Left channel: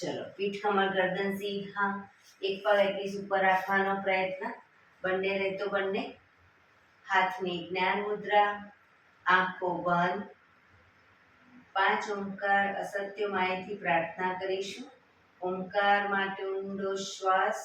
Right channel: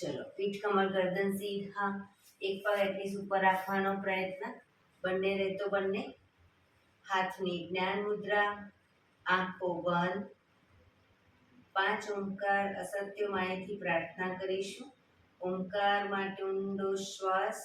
ચલો, પીઠ કમર ગરદન સીધા, એક પગ એટલીસ્ટ ઉપર રાખવાનો પ્રયત્ન, બંને રહેતો બંને. હાથની જ્ઞાન મુદ્રા, આંખો બંધ. 5 ઓમકાર અસત્ય માયથી પ્રાર્થના કરીશું. ઓમકાર માટે ઊંડો શ્વાસ.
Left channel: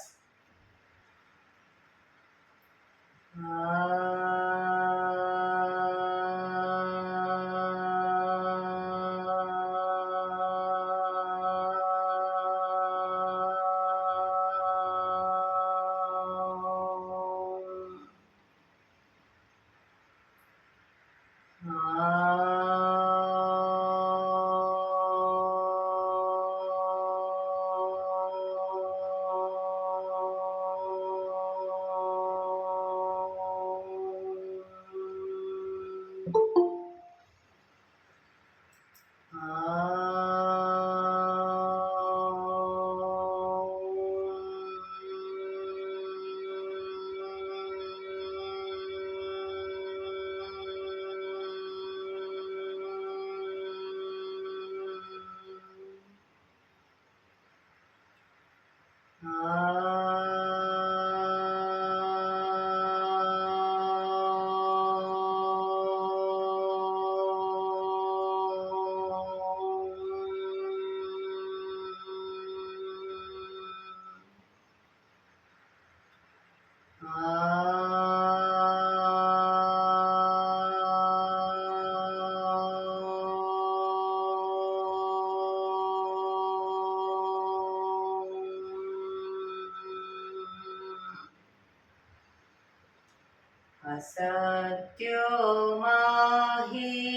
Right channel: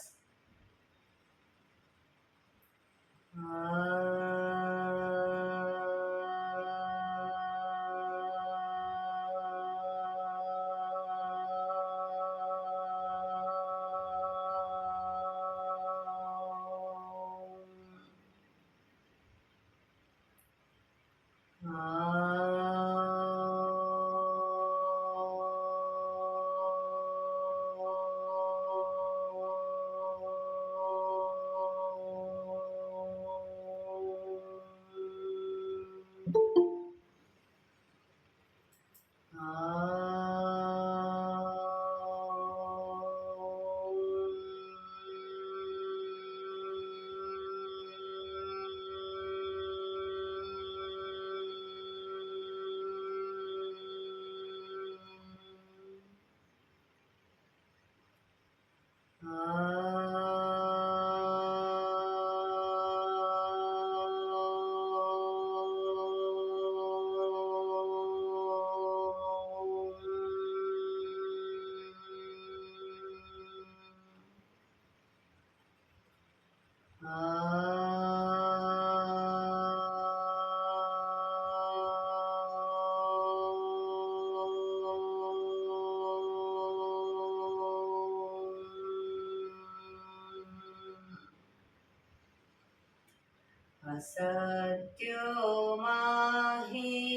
અસત્યો માહિથી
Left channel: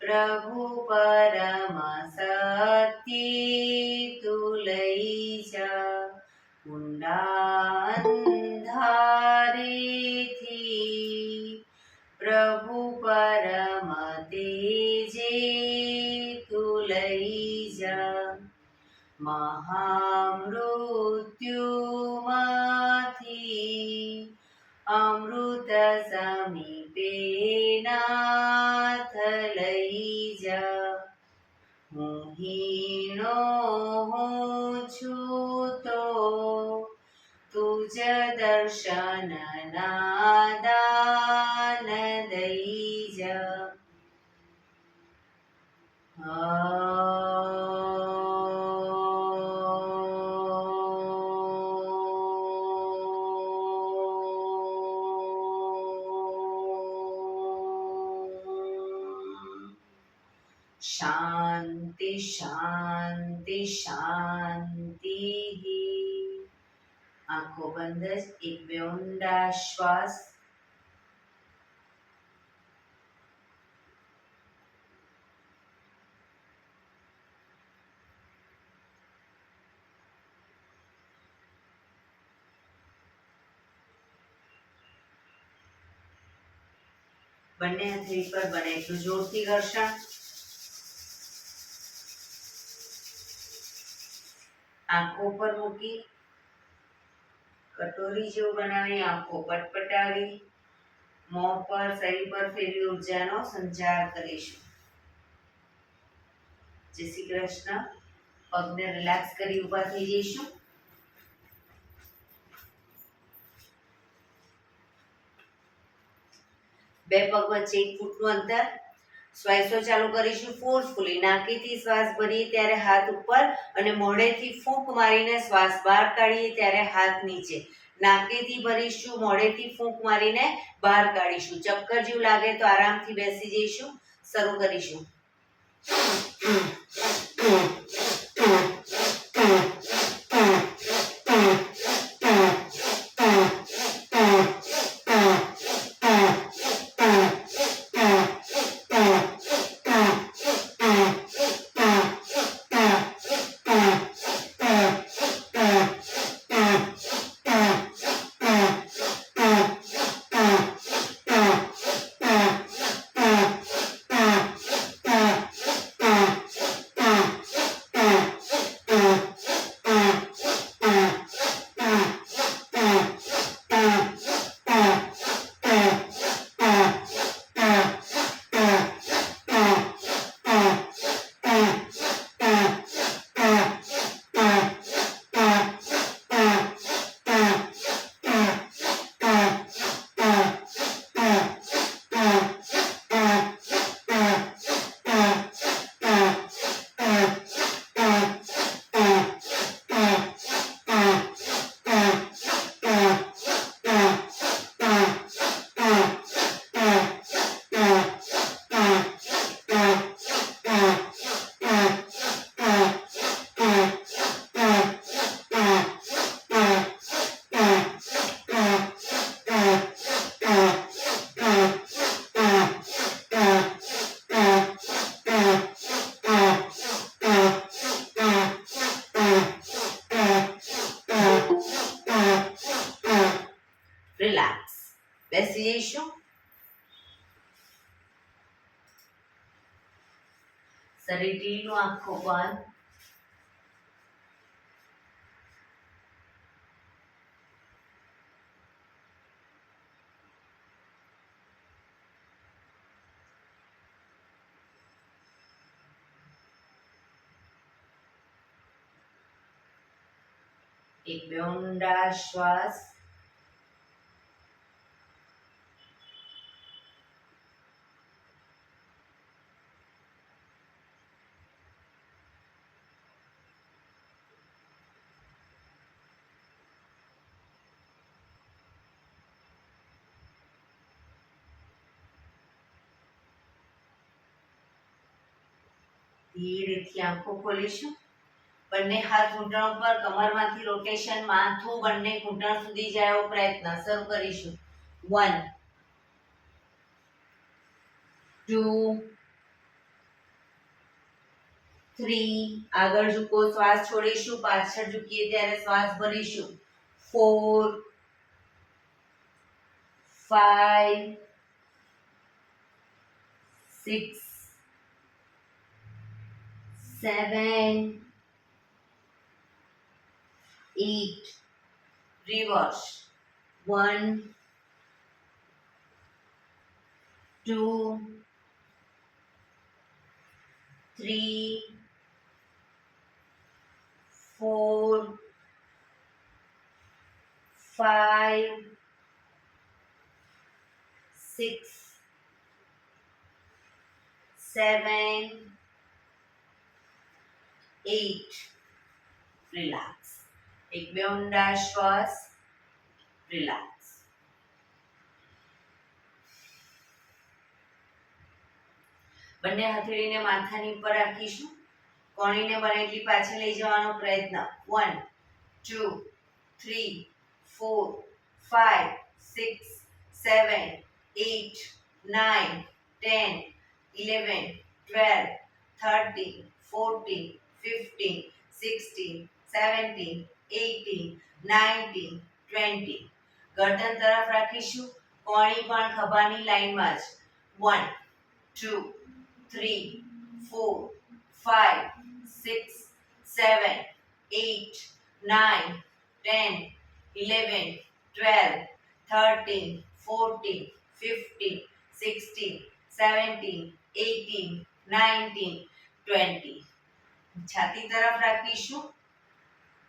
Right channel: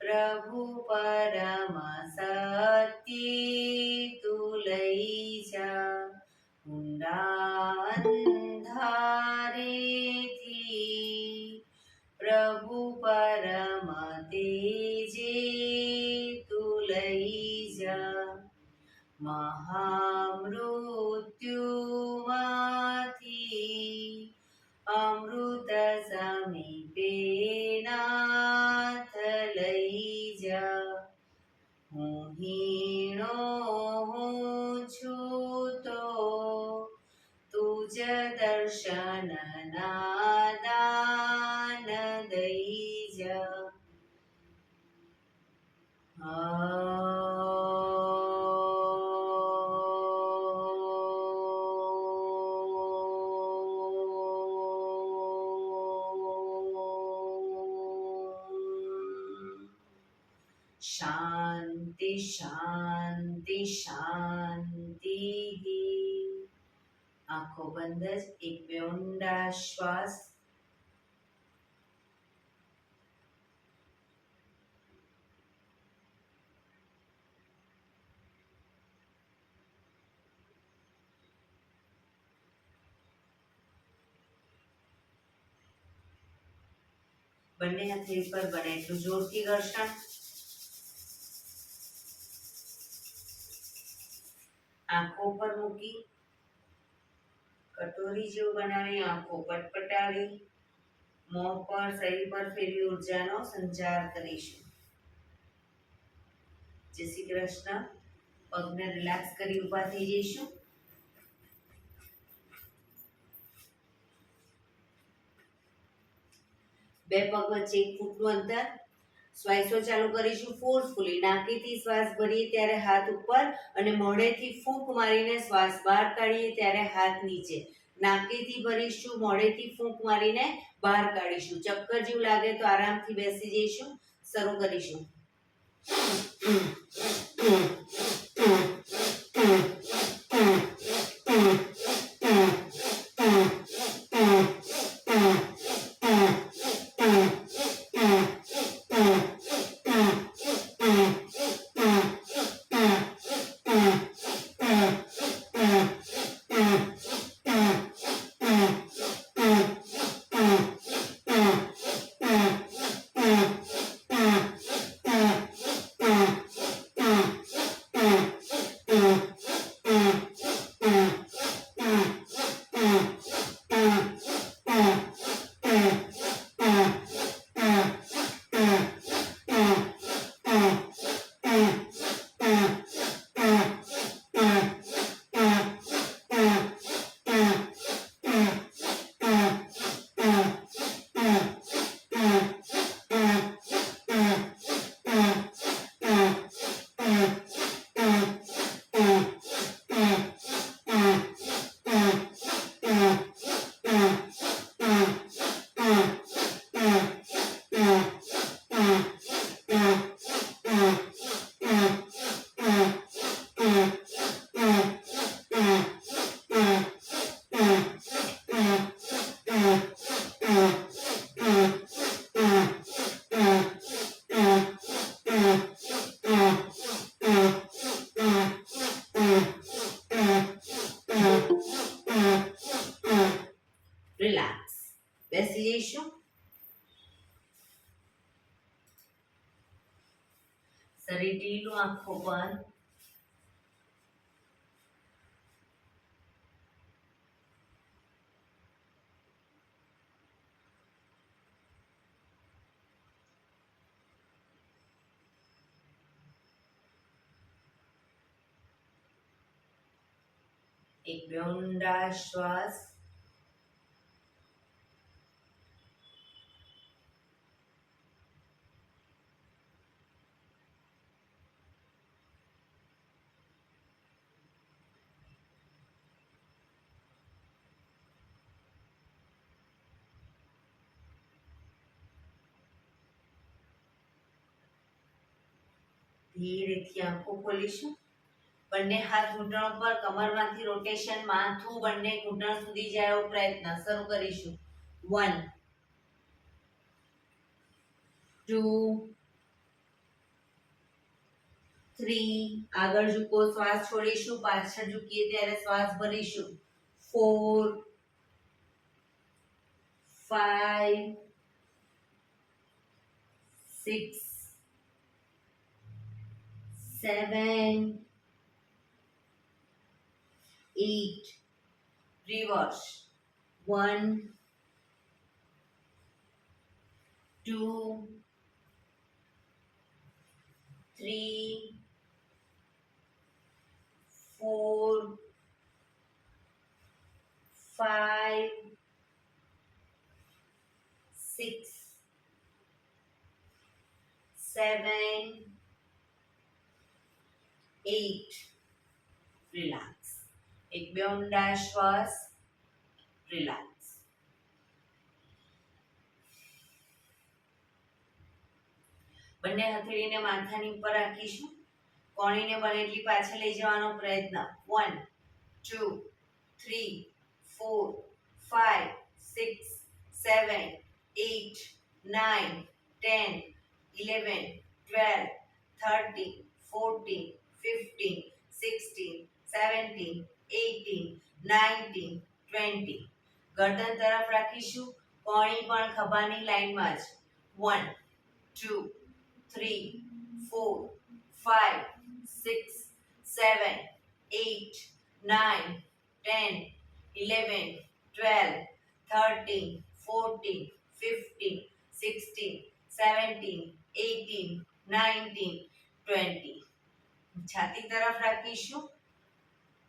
પ્રભુ પરમ સત્ય તું લઈ જા. ઊંડા અંધારેથી પ્રભુ પરમ તેજે તું લઈ જા. મહામૃત્યુમાંથી અમૃત સમીપે નાથ લઈ જા. હું હીણો હું છું તો તુજ દર્શન ના દાન દઈ જા. શાંતિ શાંતિ શાંતિ. આંખો બંધ જ એક બે ઊંડા શ્વાસ. બંને હથેળી પર બને એટલું જોરથી ઘર્ષણ. આંખો પર મૂકી કટોરી જેવું બનાવી આંખો પટપટાવી મોં પર શરીર પર ફેરવી ઉર્જાનો સંચાર કરીશું. જય શ્રી કૃષ્ણ. પગને રિલેક્સ કરી ઊભા થઈ જઈશું. બે પગ વચ્ચે 1 ફૂટનું અંતર. શ્વાસો ચાલુ કરીશું ફોર્સફુલી. નાકેથી શ્વાસ ભરીએ ત્યારે હાથ ઉપર અને મોઢેથી ફૂંક મારીને શ્વાસ બહાર કાઢીએ ત્યારે હાથ નીચે. નાકેથી ભરીશું, મોઢેથી ફૂંક મારીને બહાર કાઢીશું. ચક્કર જેવું લાગે તો આરામથી બેસી જઈશું. શરૂ કરીશું. બેસી જઈશું. શરીર ઢીલું, આંખો બંધ. એક બે ઊંડા શ્વાસ. ધીરેથી આંખો ખોલીશું. બંને હાથ ઘૂંટણ પર, કમરમાંથી રોટેશન, માથું બંને ઘૂંટણ સુધી જાય એવો પ્રયત્ન. શરૂ કરીશું. 1 2 3. આગળ ઝૂકો, શ્વાસ છોડીશું. પાછળ ઝૂકીએ ત્યારે શ્વાસ ભરીશું. 4 5 6 7 8. Reverse. 1 2 3 4 5 6 7 8. રિલેક્સ. એક બે ઊંડા શ્વાસ. રિલેક્સ. બંને હથેળીને માથાની ઉપર રાખીશું. કોણીને બને એટલી પાછળ લઈ જવાનો પ્રયત્ન. 1 2 3 4 5 6 7 8 9 10 11 12 13 14 15 16 17 18 19 20. ગરદન તરફ રાખીશું. કોણી પણ ખભાની લાઈનમાં જ. 1 2 3 4 5 6 7 8 9 10 11 12 13 14 15 16 17 18 19 20. છાતી તરફ રાખીશું.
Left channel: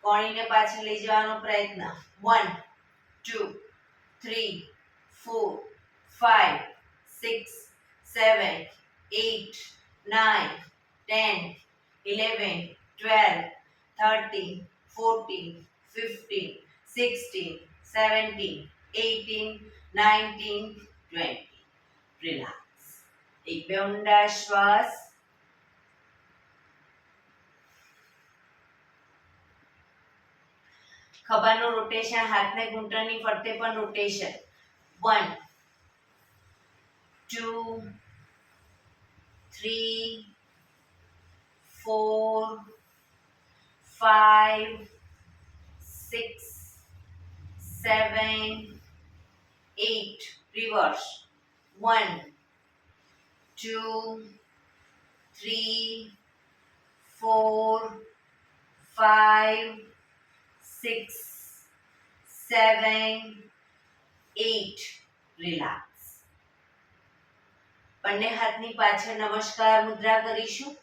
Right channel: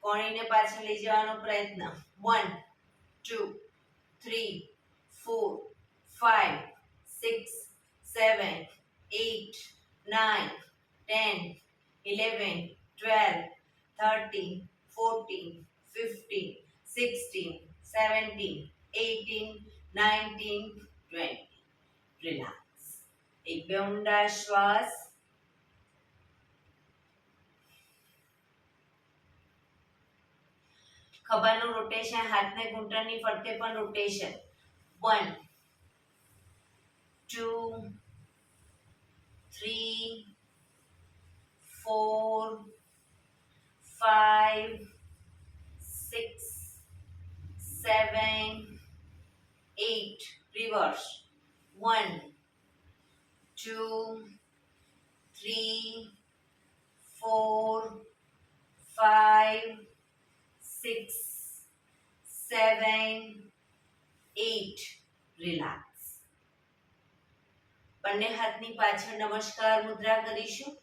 કોણીને પાછળ લઈ જવાનો પ્રયત્ન. 1 2 3 4 5 6 7 8 9 10 11 12 13 14 15 16 17 18 19 20. રિલેક્સ. એક બે ઊંડા શ્વાસ. ખભાનું રોટેશન, હાથને ઘૂંટણની ફરતે પણ રોટેશન. 1 2 3 4 5 6 7 8. Reverse. 1 2 3 4 5 6 7 8. રિલેક્સ. બંને હાથની પાછળ નમસ્કાર મુદ્રા કરીશું.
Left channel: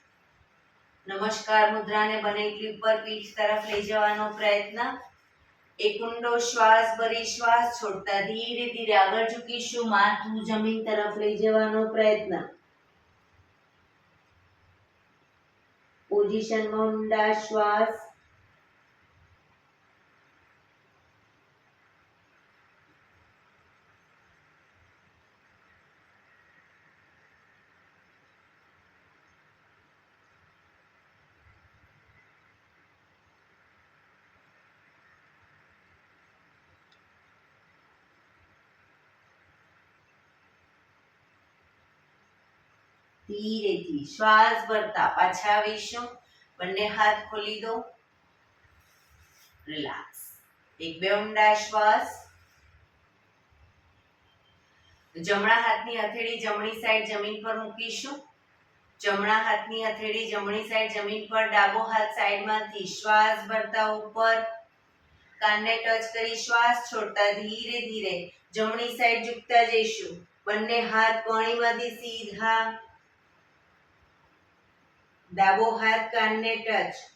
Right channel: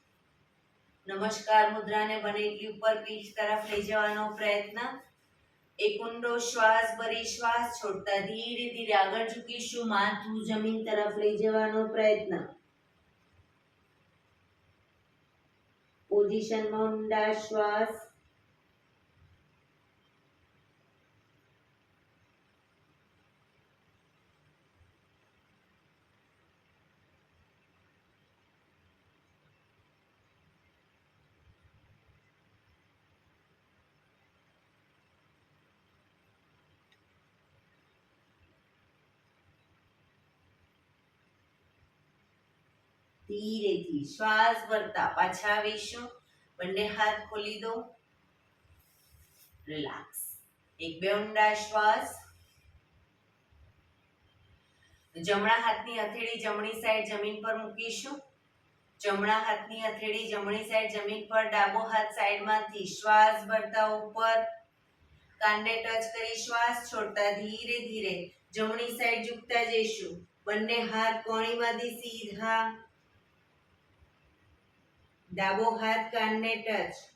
નમસ્કાર મુદ્રાને બને એટલી ઉપર પીઠ તરફ લઈ જવાનો પ્રયત્ન. એક ઊંડો શ્વાસ ભરી શ્વાસ છોડતા ધીરે ધીરે આગળ ઝૂકીશું. માથું જમીન તરફ લઈ જવાનો પ્રયત્ન. પોઝિશનમાં ઊંડા શ્વાસ. ધીરેથી શ્વાસ ભરતા પાછા આવીશું. બંને હાથ ખોલી દો. રિલેક્સ. એક બે ઊંડા શ્વાસ. જમણા હાથની હથેળી જમણી સાઈડ જમીન પર મૂકીશું. જમણા હાથની હથેળી જમણી સાઈડ જમીન પર, ડાબો હાથ સાઈડમાંથી શ્વાસ ભરતા ઉપર, કાનને ટચ કરી શ્વાસ છોડતા ધીરે ધીરે જમણી સાઈડ ઝૂકતા જઈશું. બંને હાથ કોણીમાંથી સીધા, ડાબો હાથ કાનને ટચ.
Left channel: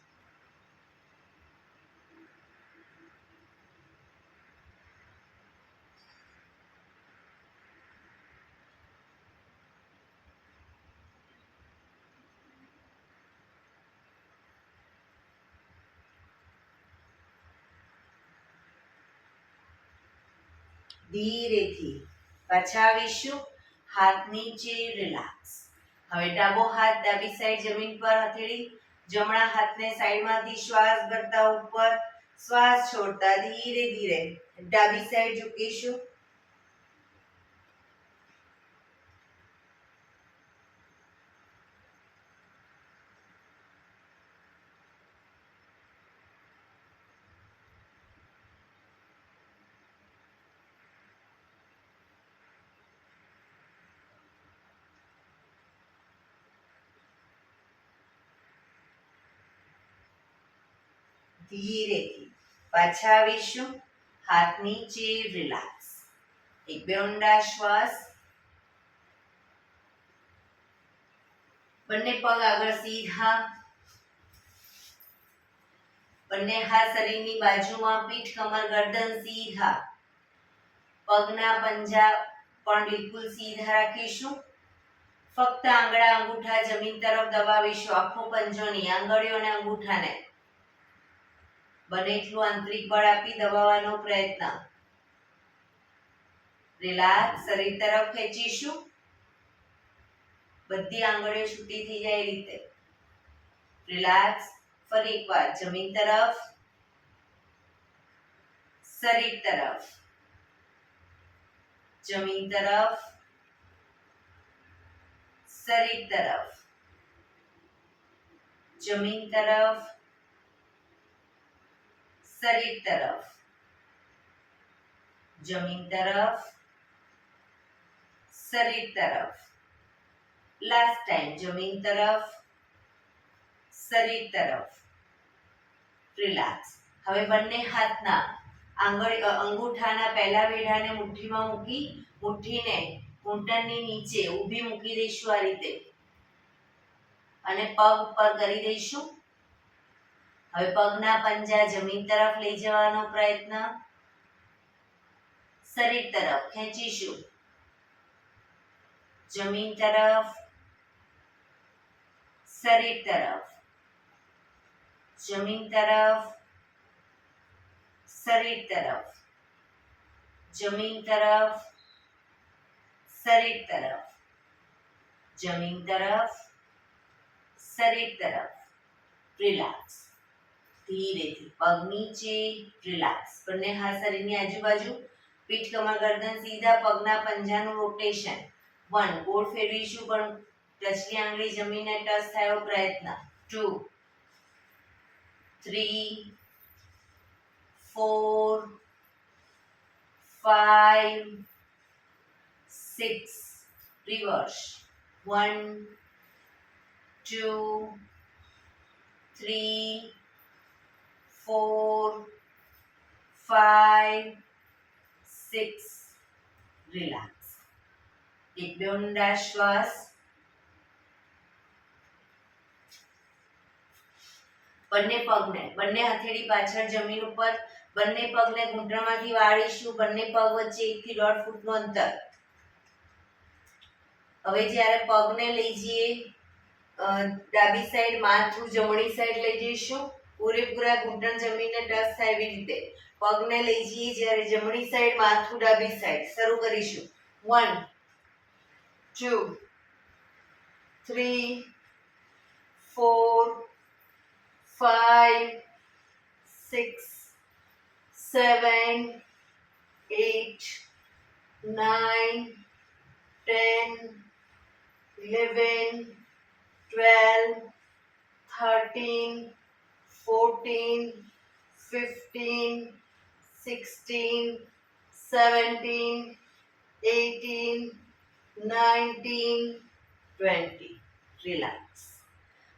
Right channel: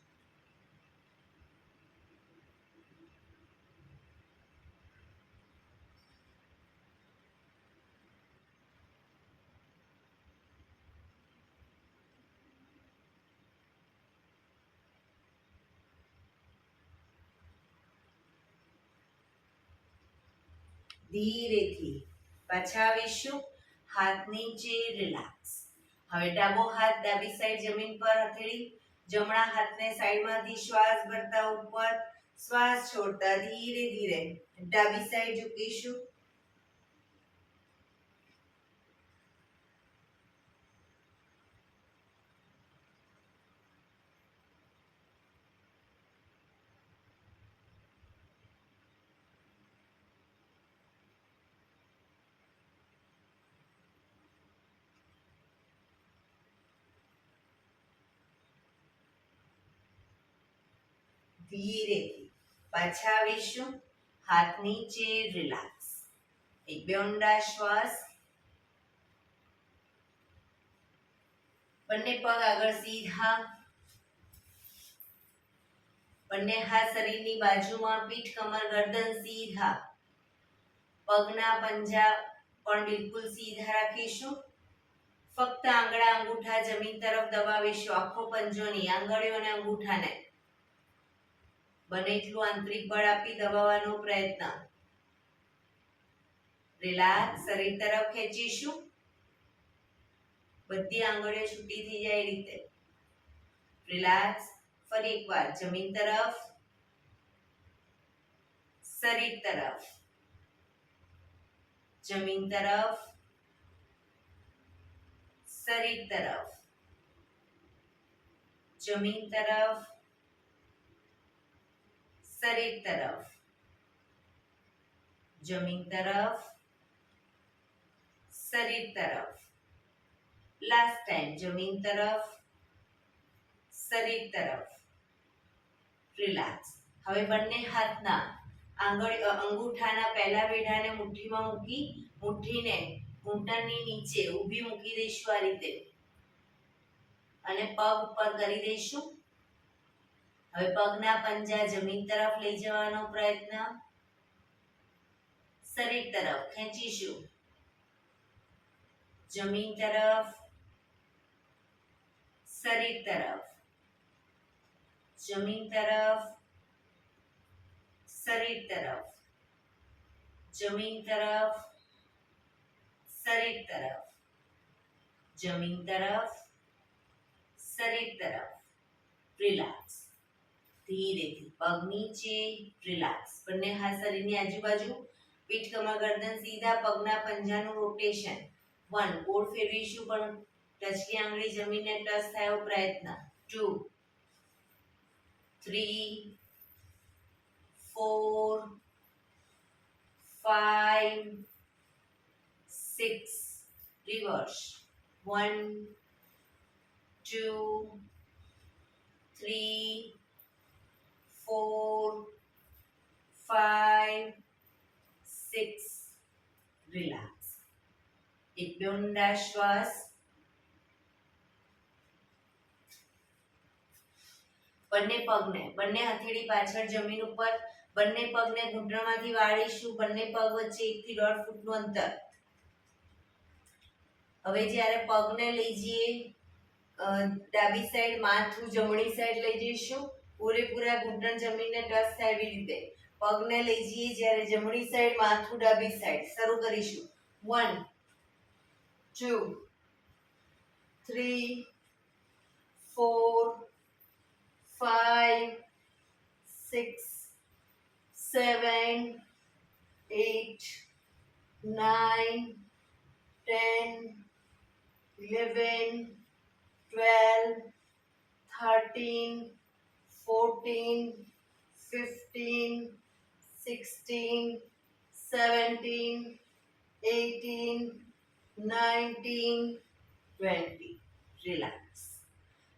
ધીરેથી પાછા આવીશું. હાથ નીચે, રિલેક્સ. હવે ડાબો હાથ ડાબી સાઈડ જમીન પર હથેળી, જમણા હાથને સાઈડમાંથી શ્વાસ ભરતા ઉપર, શ્વાસ છોડતા ધીરે ધીરે ડાબી સાઈડ ઝૂકીશું. ધીરેથી પાછા આવીશું. હાથ નીચે, રિલેક્સ. એક બે ઊંડા શ્વાસ. બંને પગ આગળ સીધા, બંને હાથ શરીરની બાજુમાં, પીઠ કમર ગરદન સીધા. પગના પંજા પણ બિલકુલ સીધા રાખીશું. ફક્ત આંગળા અંગૂઠા જમીન તરફ દબાવીશું. આખો પંજો નહીં, આંગળીઓ અને અંગૂઠાને બને એટલું આંતરિક બળ આપી દબાવવાનો પ્રયત્ન. રિલેક્સ. શરીર તરફ ખેંચીશું. બધી આંગળીઓ છૂટી થઈ જાય એ રીતે. રિલેક્સ. ફરી એકવાર જમીન તરફ, શરીર તરફ, જમીન તરફ, શરીર તરફ, જમીન તરફ, શરીર તરફ, જમીન તરફ, શરીર તરફ. લાસ્ટ ટાઈમ જમીન તરફ, શરીર તરફ. રિલેક્સ. હવે બંને હાથના અંગૂઠાના પહેલા વેઢાને મુઠ્ઠીમાં મૂકી, મુઠ્ઠીને ઘૂંટણની નીચે ઊભી મૂકી દઈશું આ રીતે, અને પગ ઉપર કરી દઈશું. હવે પગના પંજા જમીન તરફ લઈ જવાનો પ્રયત્ન. શરીર તરફ ખેંચીશું. જમીન તરફ, શરીર તરફ, જમીન તરફ, શરીર તરફ, જમીન તરફ, શરીર તરફ, જમીન તરફ, શરીર તરફ. રિલેક્સ. ધીરેથી પગ નીચે, રિલેક્સ. બંને હાથ શરીરની આજુબાજુ, પીઠ કમર ગરદન સીધા, પગના પંજાનું રોટેશન. 1 ગોળ ફેરવીશું પણ ટચલી આંગળી જમીનને ટચ થાય એવો પ્રયત્ન. 2 3 4 5 6 રિવર્સ. 1 2 3 4 5 6. રિલેક્સ. એક બે ઊંડા શ્વાસ. બંને પગને, બંને હથેળી પાછળ જમીન ઉપર, બંને પગને ઘૂંટણમાંથી વાળીશું. બંને પગ વચ્ચે 1 થી 1.5 ફૂટનું અંતર. હવે જ્યારે પગને લઈ જઈએ ડાબી સાઈડ, માથું જમણી સાઈડ લઈ જઈશું. પૂરેપૂરા ઘૂંટણ જમીનને ટચ થાય એવી રીતે પગને લઈ જઈએ. જ્યારે જમણી સાઈડ, માથું ડાબી સાઈડ. શરૂ કરીશું. 1 2 3 4 5 6 7 8 9 10 11 12 13 14 15 16 17 18, 19, 20. રિલેક્સ.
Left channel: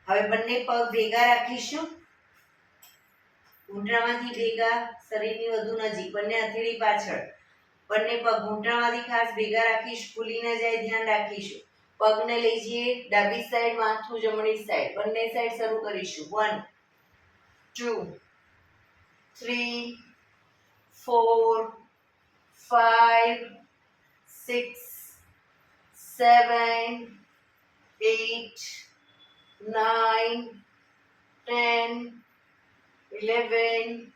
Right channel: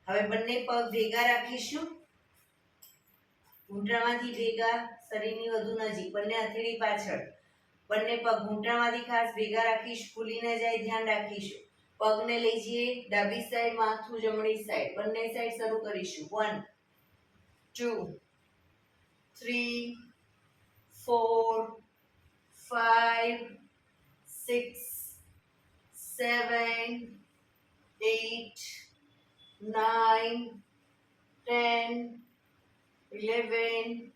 હવે બંને પગ ભેગા રાખીશું. ઘૂંટણમાંથી ભેગા, શરીરની વધુ નજીક, બંને હથેળી પાછળ. બંને પગ ઘૂંટણમાંથી ખાસ ભેગા રાખીશું, ભૂલી ન જાય, ધ્યાન રાખીશું. પગને લઈ જઈએ ડાબી સાઈડ, માથું જમણી સાઈડ, બંને સાઈડ શરૂ કરીશું. 1, 2, 3, 4, 5, 6, 7, 8, 9, 10, 11,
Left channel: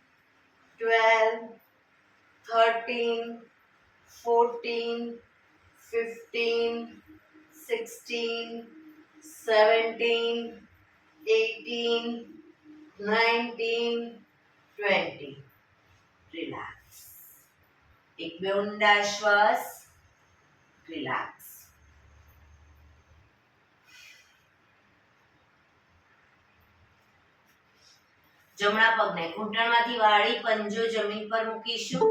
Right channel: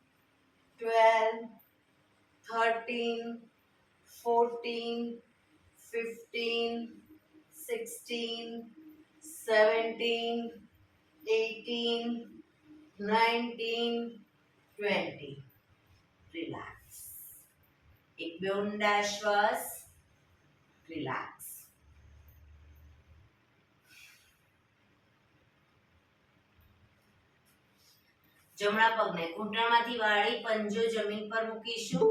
12, 13, 14, 15, 16, 17, 18, 19, 20. રિલેક્સ. એક બે ઊંડા શ્વાસ. રિલેક્સ. જમણા પગને ઘૂંટણમાંથી વાળી પંજો જમીન પર મૂકીશું.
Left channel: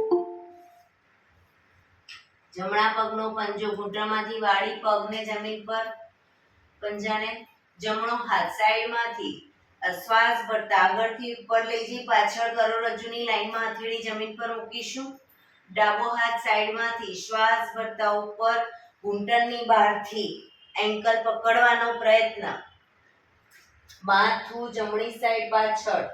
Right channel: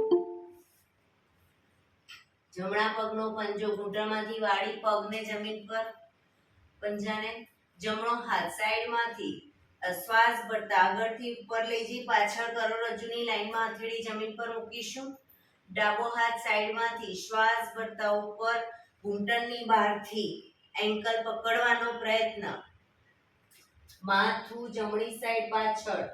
જમણા પગનો પંજો ઘૂંટણમાંથી વાળી પગને જમીન પર, પંજાને જમણો હાથ સાઈડમાંથી શ્વાસ ભરતા આગળથી ઉપર લઈ જઈ પાછળ કરોડરજ્જુની લાઈનમાં હથેળી જમીન પર મૂકીશું. ડાબો હાથ સાઈડમાંથી શ્વાસ ભરતા ઉપર ઘૂંટણની બહારથી એન્કલ પકડવાનો પ્રયત્ન. માથું જમણી સાઈડ પાછળ,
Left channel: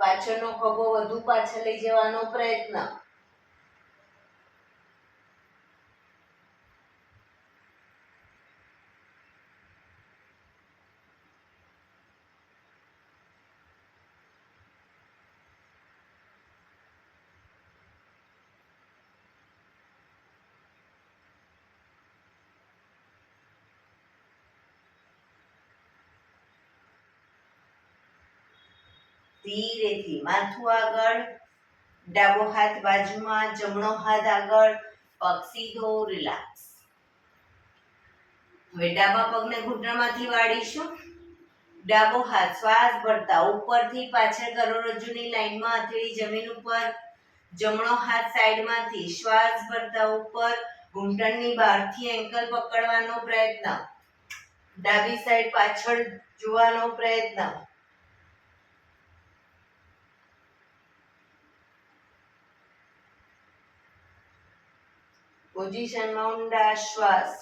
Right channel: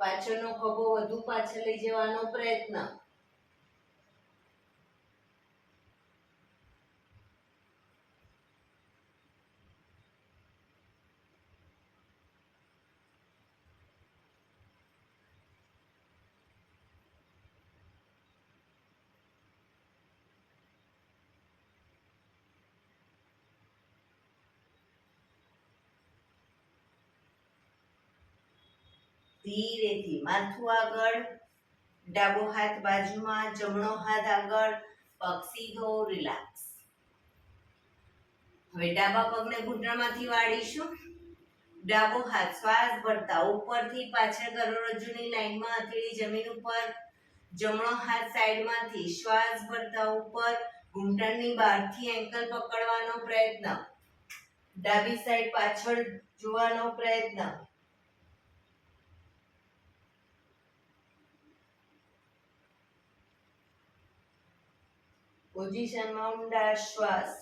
પાછળનો ખભો વધુ પાછળ લઈ જવાનો પ્રયત્ન. ધીરેથી માથું આગળ, ડાબો હાથ બાજુમાં, જમણો હાથ આગળ, પગ સીધો. રિલેક્સ. હવે ડાબા પગને ઘૂંટણમાંથી વાળીશું. ડાબો હાથ શ્વાસ ભરતા ઉપરથી પાછળ કરોડરજ્જુની લાઈનમાં હથેળી જમીન ઉપર. જમણો હાથ સાઈડમાંથી શ્વાસ ભરતા ઉપર ઘૂંટણની બહારથી એન્કલ પકડવાનો પ્રયત્ન. ડાબી સાઈડ પાછળ જોવાનો પ્રયત્ન. પોઝિશનમાં ઊંડા શ્વાસ.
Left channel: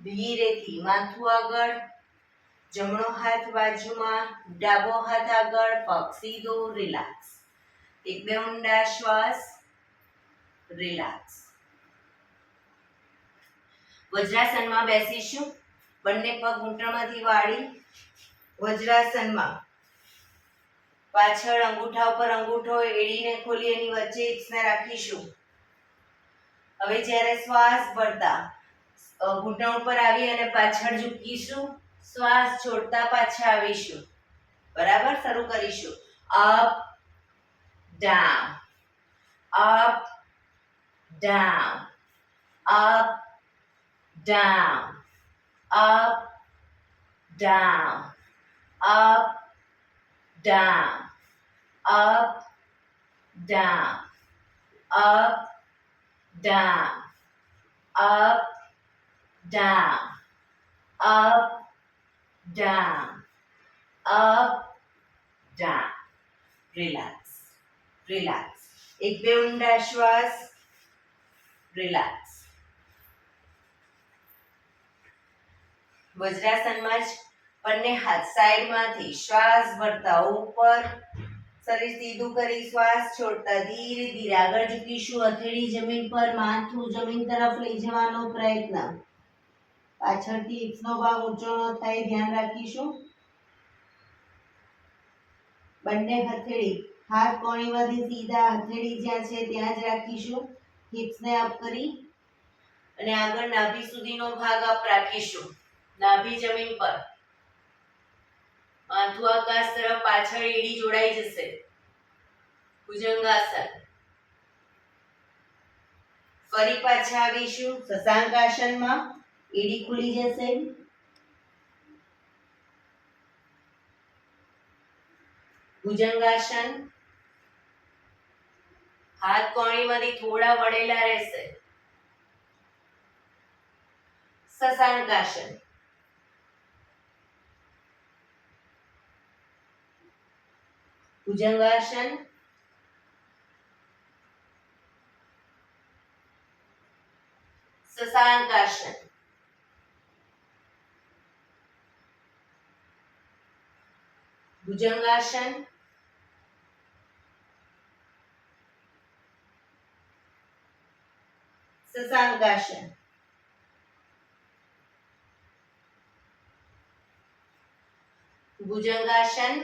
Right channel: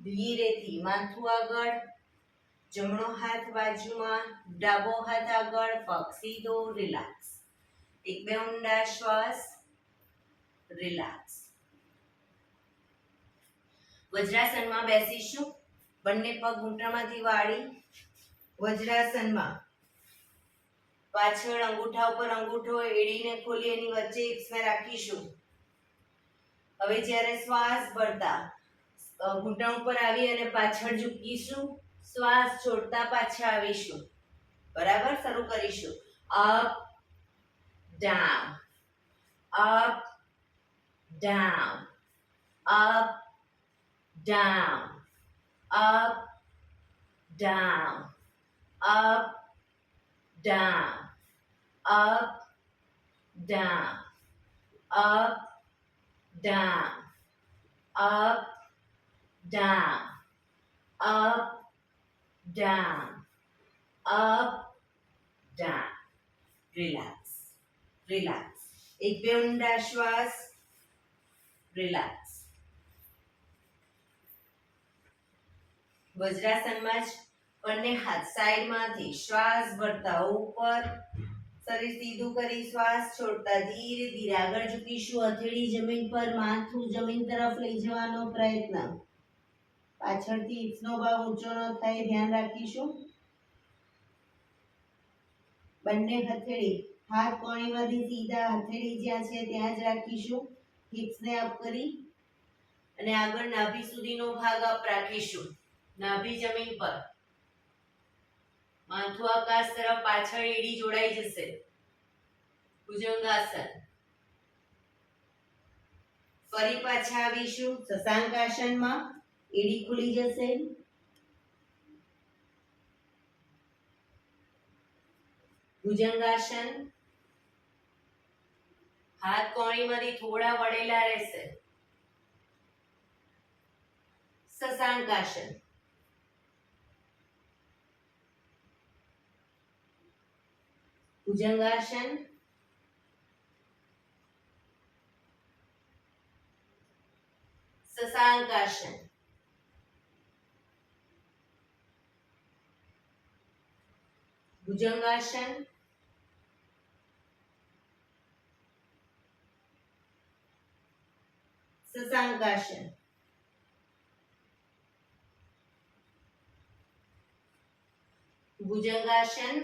ધીરેથી માથું આગળ, જમણો હાથ બાજુમાં, ડાબો હાથ આગળ, પગ સીધો. રિલેક્સ. એક બે ઊંડા શ્વાસ. રિલેક્સ. વજ્રાસનમાં બેસીશું. બંને પગ ઘૂંટણમાંથી વાળી વજ્રાસનમાં. પાછળ અંગૂઠા ઉપર અંગૂઠો, એડીને ખોલી એની વચ્ચે હિપ્સને રાખીશું. હવે જ્યારે શ્વાસ ભરતા ઘૂંટણ ઉપર આવી અને પાછળ ઝૂકીશું. શ્વાસ છોડતા પાછા આવીશું. બરાબર. શરૂ કરીશું. Up down, up down, up down, up down, up down, up down, up down, up, down, up, down, up, down. Relax, relax. એક બે ઊંડા શ્વાસ. Relax. વજ્રાસનમાં જ બંને હાથ સાઈડમાંથી શ્વાસ ભરતા ઉપર, શરીર સીધું કરી શ્વાસ છોડતા ધીરે ધીરે આગળ ઝૂકીશું. હથેળી જમીન પર, માથું જમીન તરફ લઈ જવાનો પ્રયત્ન. પાછળથી હિપ્સનો ભાગ ઊંચો ન થાય, ધ્યાન રાખીશું. બંને હથેળી હાથ કોણીમાંથી સીધા, હથેળી જ્યાં છે ત્યાં જ રાખીશું. હિપ્સને અપ કરી અને આગળ નાભી સુધીનો ભાગ અપ રાખીશું. નાભી જમીન પર, માથું આકાશ તરફ, પાછળ એડી જોડાઈ જશે. ભુજંગાસન. ફરી પાછા આવીશું શશાંકાસનમાં. એડી ખુલી જશે. ભુજંગાસન. હાથ કોણીમાંથી થોડા વળેલા રહેશે. શશાંકાસન. ભુજંગાસન. શશાંકાસન. ભુજંગાસન. શશાંકાસન. ભુજંગાસન.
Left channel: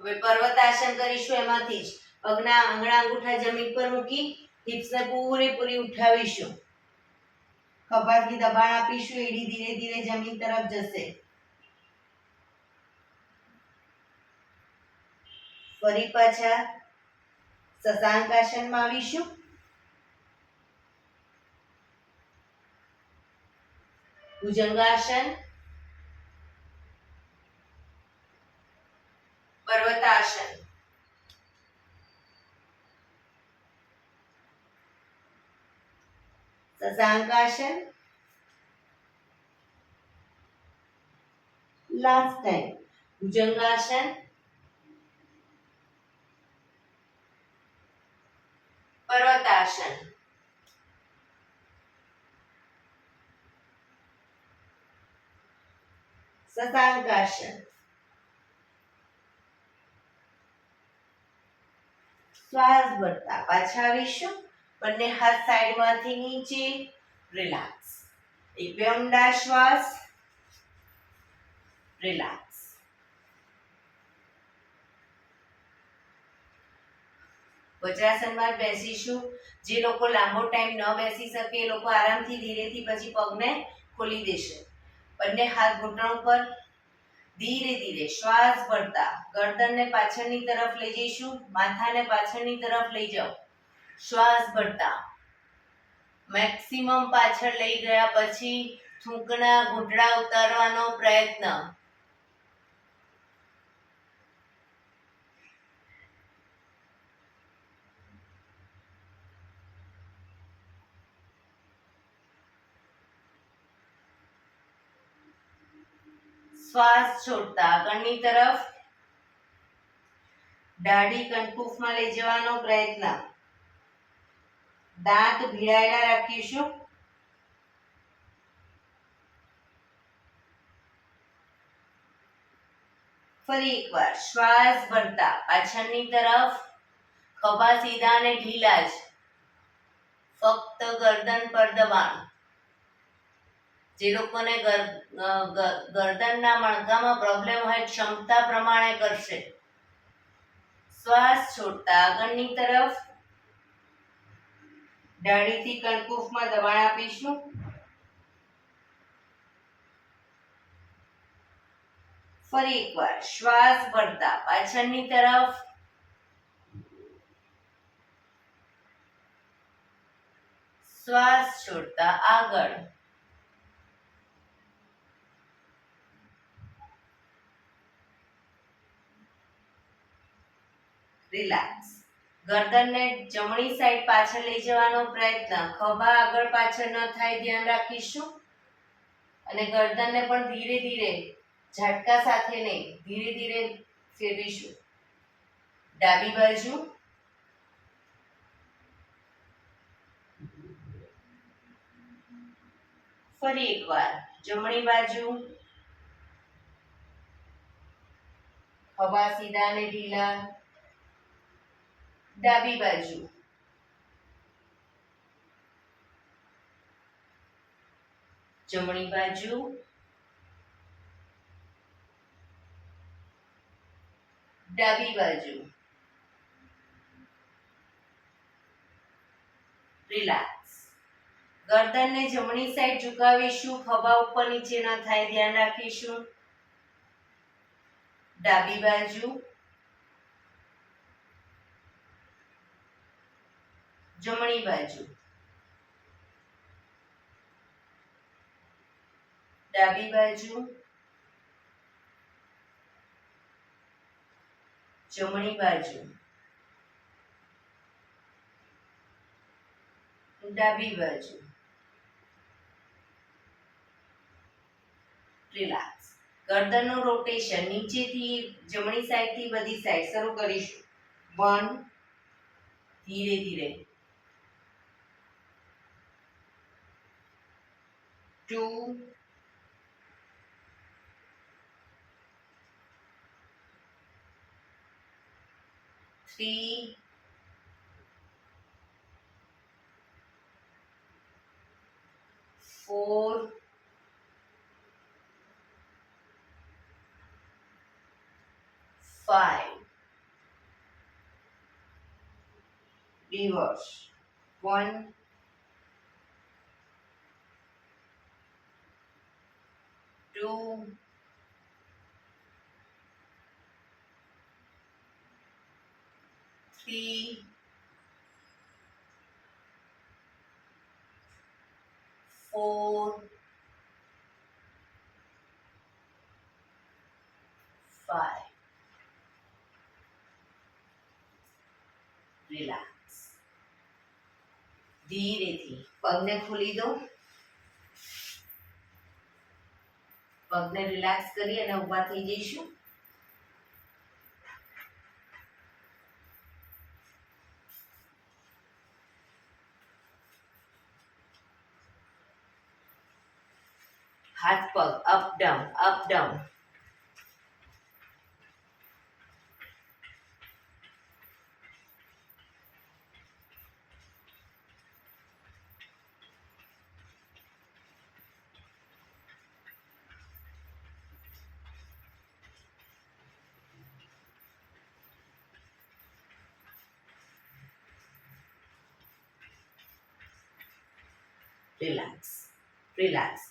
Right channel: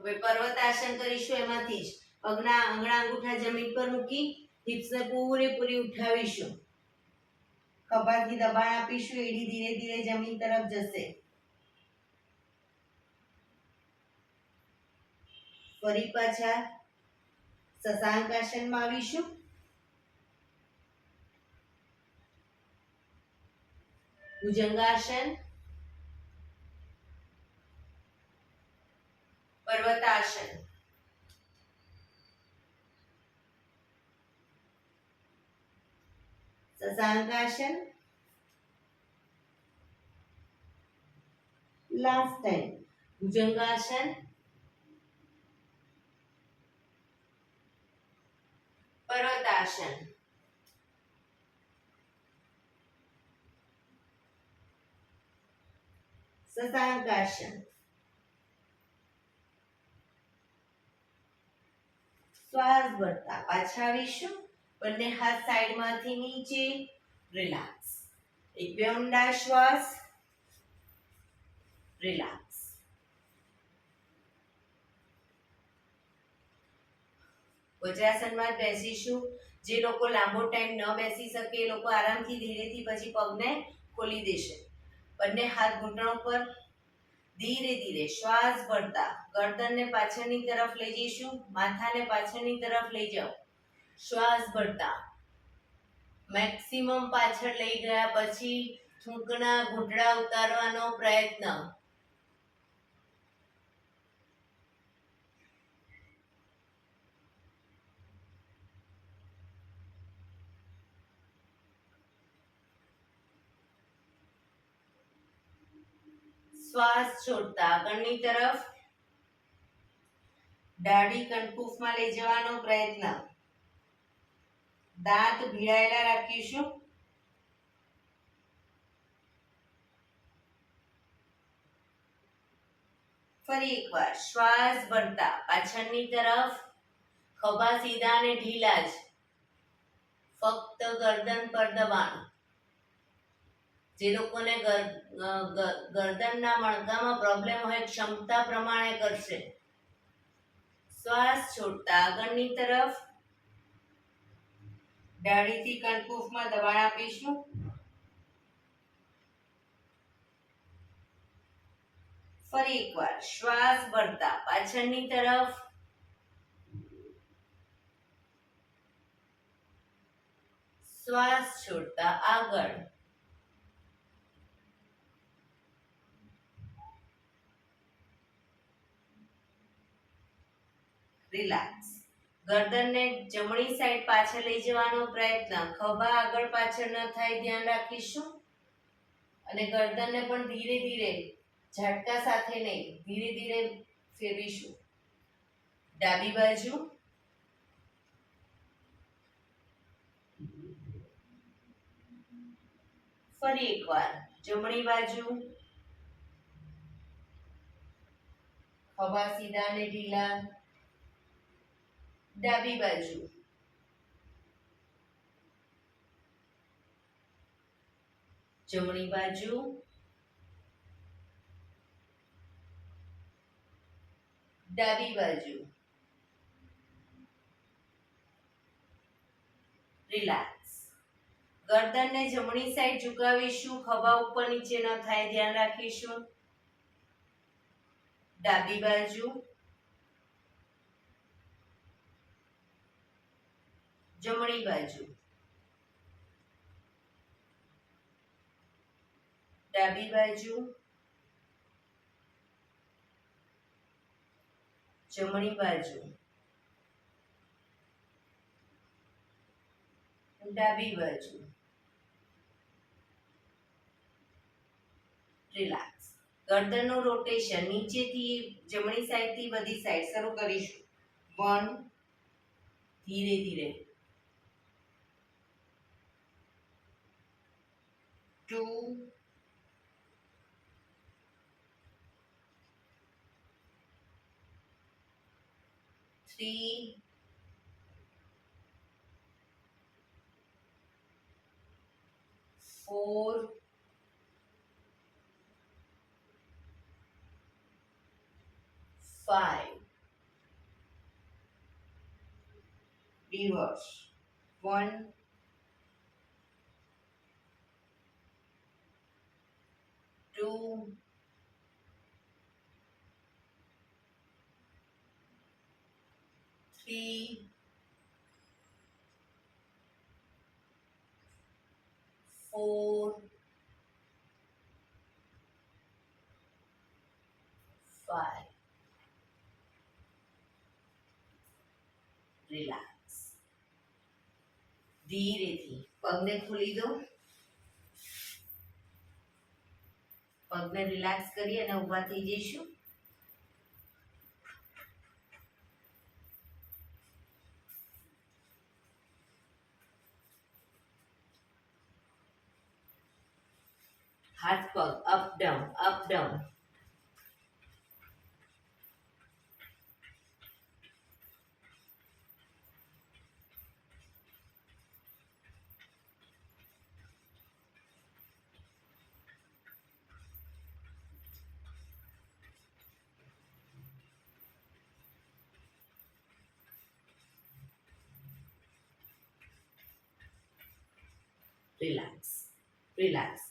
હવે પર્વતાસન કરીશું. એમાંથી જ પગના આંગળા અંગૂઠા જમીન પર મૂકી હિપ્સને પૂરેપૂરી ઉઠાવીશું. ખભાથી દબાણ આપીશું. એડી ધીરે ધીરે જમીન તરફ જશે. ફરી પાછા શશાંકાસનમાં આવીશું. ભુજંગાસન. પર્વતાસન. શશાંકાસન. Last time. ભુજંગાસન. પર્વતાસન. શશાંકાસન. શ્વાસ ભરતા પાછા આવીશું. બંને હાથ સાઈડમાંથી નીચે. રિલેક્સ. એક બે ઊંડા શ્વાસ. રિલેક્સ. વજ્રાસનમાં બેસીશું. જે લોકો લાંબો ટાઈમ ન બેસી શકે એ લોકો આરામથી ધીરેથી પછી પગને ખોલી દેશે. બંને હાથ ઘૂંટણો પર. ધીરે ધીરે શ્વાસ ભરતા ગરદનને પાછળની તરફ લઈ જઈશું. માથાને પાછળની તરફ લઈ જાઓ. શ્વાસ ભરતા મેક્સિમમ પાછળ લઈ ગયા પછી થૂંકના ઘૂંટડા ઉતારવાનો પ્રયત્ન. શ્વાસ છોડતા આગળની તરફ દાઢી કંઠપૂફમાં લઈ જવાનો પ્રયત્ન. દાંત ભીડાયેલા રાખીશું. ફરી એકવાર શ્વાસ ભરતા પાછળની તરફ. ખભા સીધા અને ઢીલા જ. ફક્ત ગરદન પર દબાણ. જે લોકોને ગરદનના મણકામાં પ્રોબ્લેમ હોય ક્ષમતા પ્રમાણે કરશે. શ્વાસ છોડતા આગળની તરફ દાઢીથી કંઠપૂફમાં દબાણ આપીશું. ફરી એકવાર શ્વાસ ભરતા પાછળની તરફ. શ્વાસ છોડતા આગળ. રિલેક્સ. ગરદનને જમણી સાઈડ પાછળ લઈ જવાનો પ્રયત્ન. ખભા આગળ પાછળ ન થાય ધ્યાન રાખીશું. અને ગરદનને પણ ધીરે ધીરે ઝટકા સાથે નહીં ધીરે ધીરે ફેરવીશું. ડાબી બાજુ. ફરી એકવાર જમણી બાજુ. ખભા સીધા અને ઢીલા. ડાબી બાજુ. જમણી બાજુ. ડાબી બાજુ. રિલેક્સ. ગરદનને જમણી સાઈડ ઝુકાવીશું. ખભા ઉપર નીચે ન થાય ધ્યાન રાખીશું. ડાબી બાજુ, જમણી બાજુ, ડાબી બાજુ, જમણી બાજુ, ડાબી બાજુ. રિલેક્સ. ગરદનનું રોટેશન નીચેથી જમણી સાઈડથી બધી સાઈડ શરૂ કરીશું. 1, ધીરે ધીરે, 2, 3, 4, 5. Reverse. 1, 2, 3, 4, 5. રિલેક્સ. ધીરેથી પગને ખોલી દો. પગને રિલેક્સ કરી અને ઊભા થઈ જઈશું. હાથ પગ up down, up down. Relax, relax.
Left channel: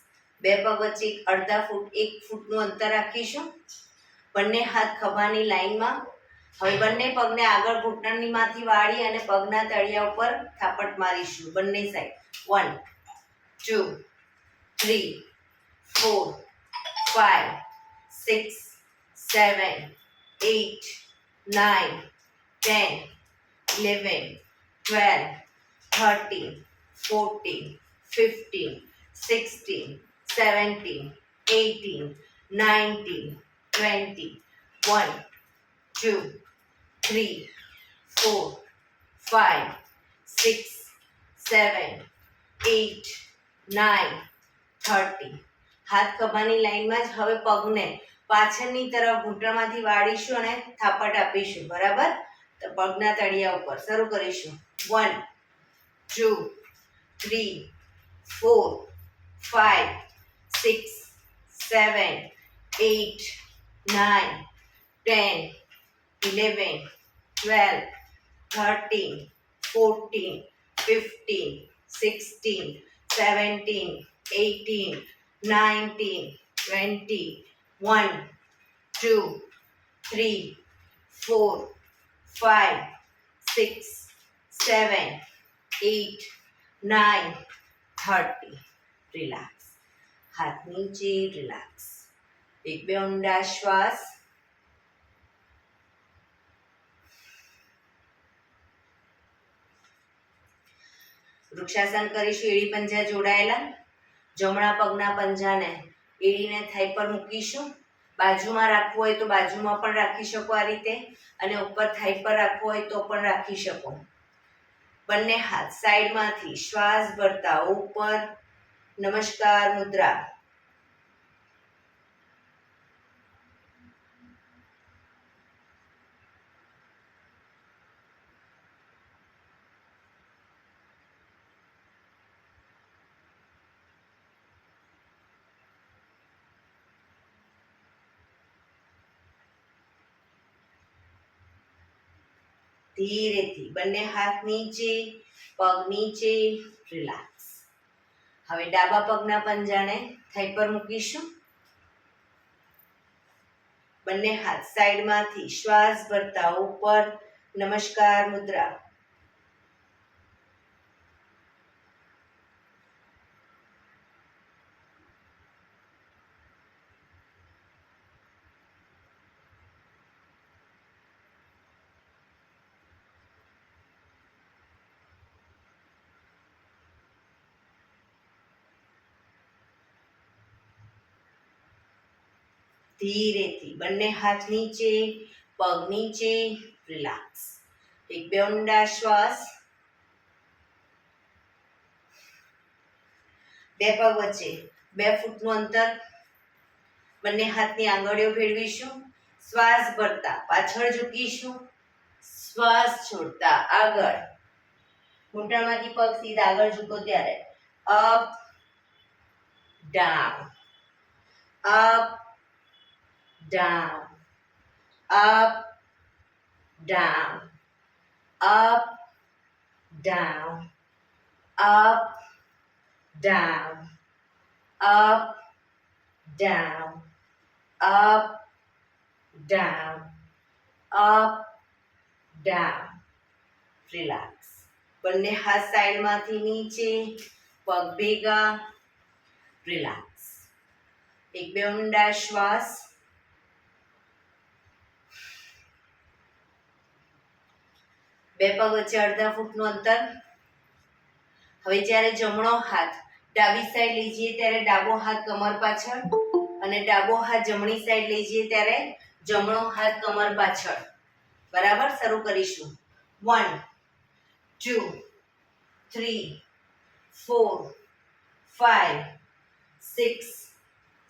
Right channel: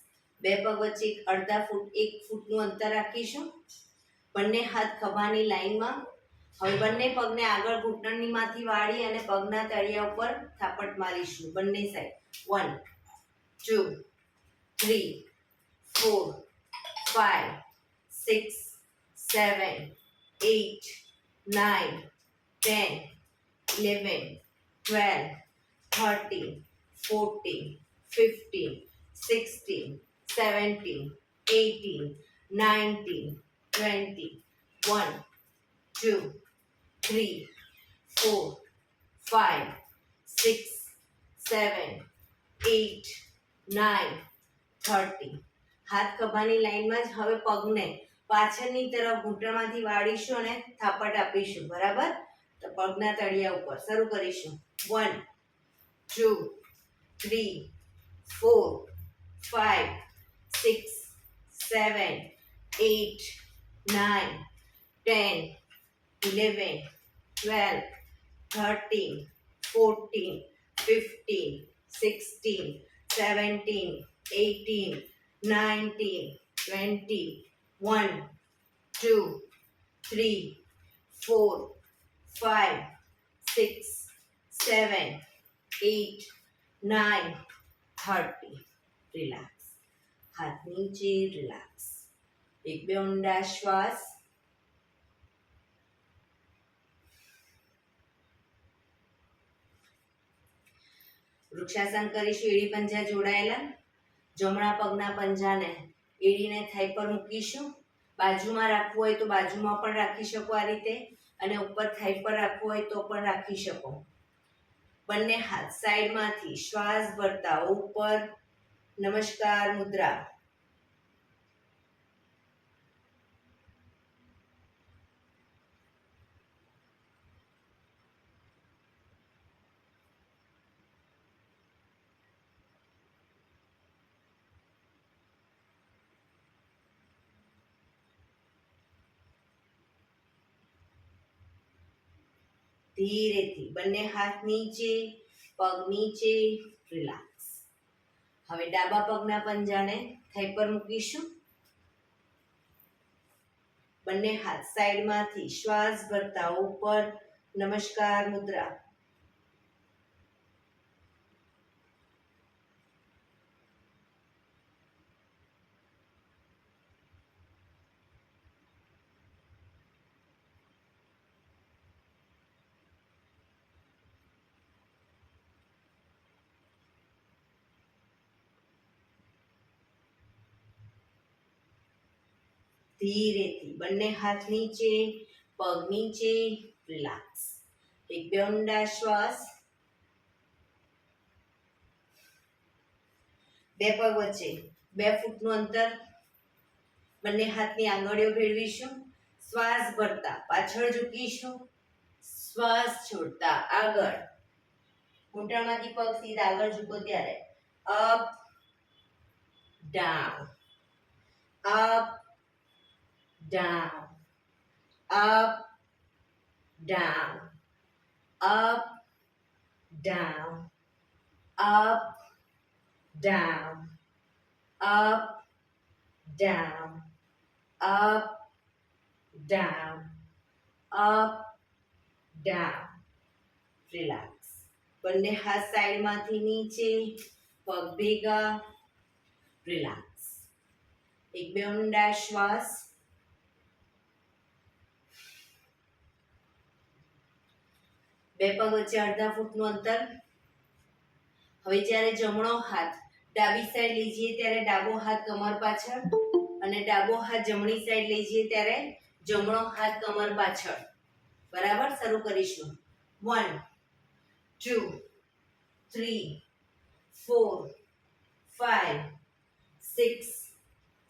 બે પગ વચ્ચે અડધા ફૂટ 1 ફૂટનું અંતર રાખીશું. બંને હાથ ખભાની લાઈનમાં. હવે બંને પગને આગળ ઘૂંટણનીમાંથી વાળી અને પગના તળિયા ઉપર થાપટ મારીશું બંને સાઈડ. 1, 2, 3, 4, 5, 6, 7, 8, 9, 10, 11, 12, 13, 14, 15, 16, 17, 18, 19, 20, 1, 2, 3, 4, 5, 6, 7, 8, 9, 30. હાથ ખભાની લાઈનમાં જ. હવે પગને પાછળની તરફ ઘૂંટણમાંથી વાળીશું અને થાપટ આપીશું. બરાબર? તો પગના તળિયા ઉપર શરૂ કરીશું. 1, 2, 3, 4, 5, 6, 7, 8, 9, 10, 11, 12, 13, 14, 15, 16, 17, 18, 19, 20, 1, 2, 3, 4, 5, 6, 7, 8, 9, 30. રિલેક્સ. હાથ નીચે, રિલેક્સ. એક બે ઊંડા શ્વાસ. વૃક્ષાસન કરીશું. એડી પંજા જોડાયેલા. જમણા પગના પંજાને એડીને થાઈ પર મૂકીશું. બાજુમાં રાખવું હોય તો બાજુમાં પણ રાખી શકો આ રીતે, અને ઉપર થાઈ પર રાખવું હોય તો પણ રાખી શકો. બંને હાથ સાઈડમાંથી શ્વાસ ભરતા ઉપર. નમસ્કાર મુદ્રા. ધીરેથી બંને હાથ નીચે, પગ નીચે. રિલેક્સ. હવે ડાબા પગના પંજાને થાઈ પર મૂકીશું. બંને હાથ સાઈડમાંથી શ્વાસ ભરતા ઉપર, નમસ્કાર મુદ્રા. ધીરેથી બંને હાથ નીચે, પગ નીચે, રિલેક્સ. એક બે ઊંડા શ્વાસ. બે પગ વચ્ચે 2 ફૂટનું અંતર. બંને હાથની આંગળીઓ ભેળવીશું. શ્વાસ ભરતા પાછળ ઝૂકીશું. શ્વાસ છોડતા આગળ. ઘૂંટણમાંથી પગ સીધા આગળ ઝૂકો ત્યારે up down, up down, up, down, up, down, up, down, up, down, up, down, up, down. Relax. બંને હાથ સાઈડમાંથી નીચે, પગ ભેગા. રિલેક્સ. એક બે ઊંડા શ્વાસ. બે પગ વચ્ચે અડધા ફૂટનું અંતર. હવે જ્યારે જમણો હાથ ડાબી સાઈડ લઈ જઈએ ત્યારે ડાબો હાથ કમર પાછળ અને ડાબો હાથ જમણી સાઈડ લઈ જઈએ ત્યારે જમણો હાથ કમર પાછળ. બરાબર, શરૂ કરીશું. 1 2 3 4 5 6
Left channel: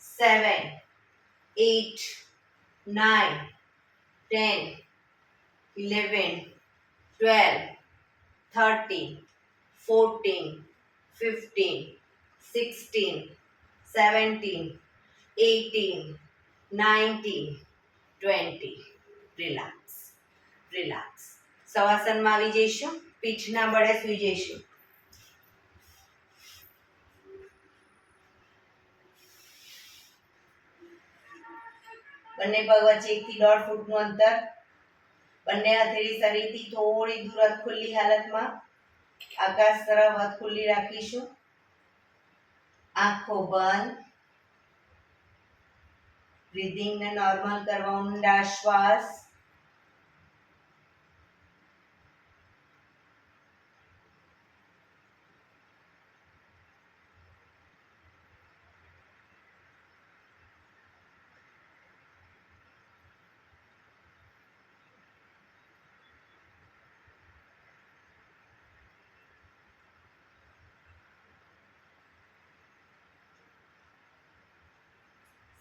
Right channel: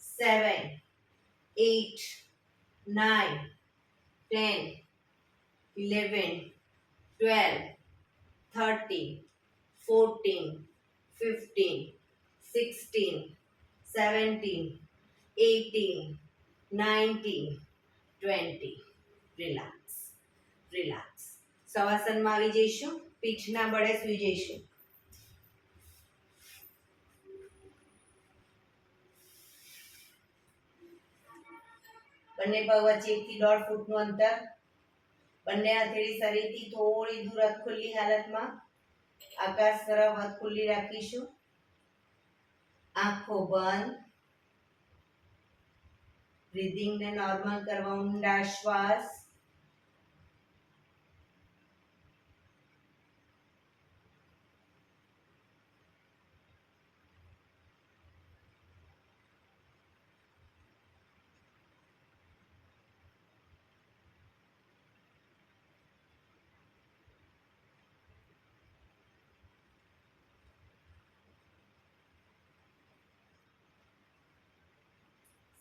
7 8 9 10 11 12 13 14 15 16 17 18 19 20. Relax, relax. શવાસનમાં આવી જઈશું. પીઠના બળે સૂઈ જઈશું. બંને પગ વચ્ચે 1 થી 1.5 ફૂટનું અંતર. બંને હથેળી શરીરથી થોડી દૂર હાથ ખુલ્લી હાલતમાં. આકાશ તરફ હાથ ખુલ્લી રાખીશું. આંખો બંધ. બ્રીધિંગને નોર્મલ કરવા ઊંડા શ્વાસ.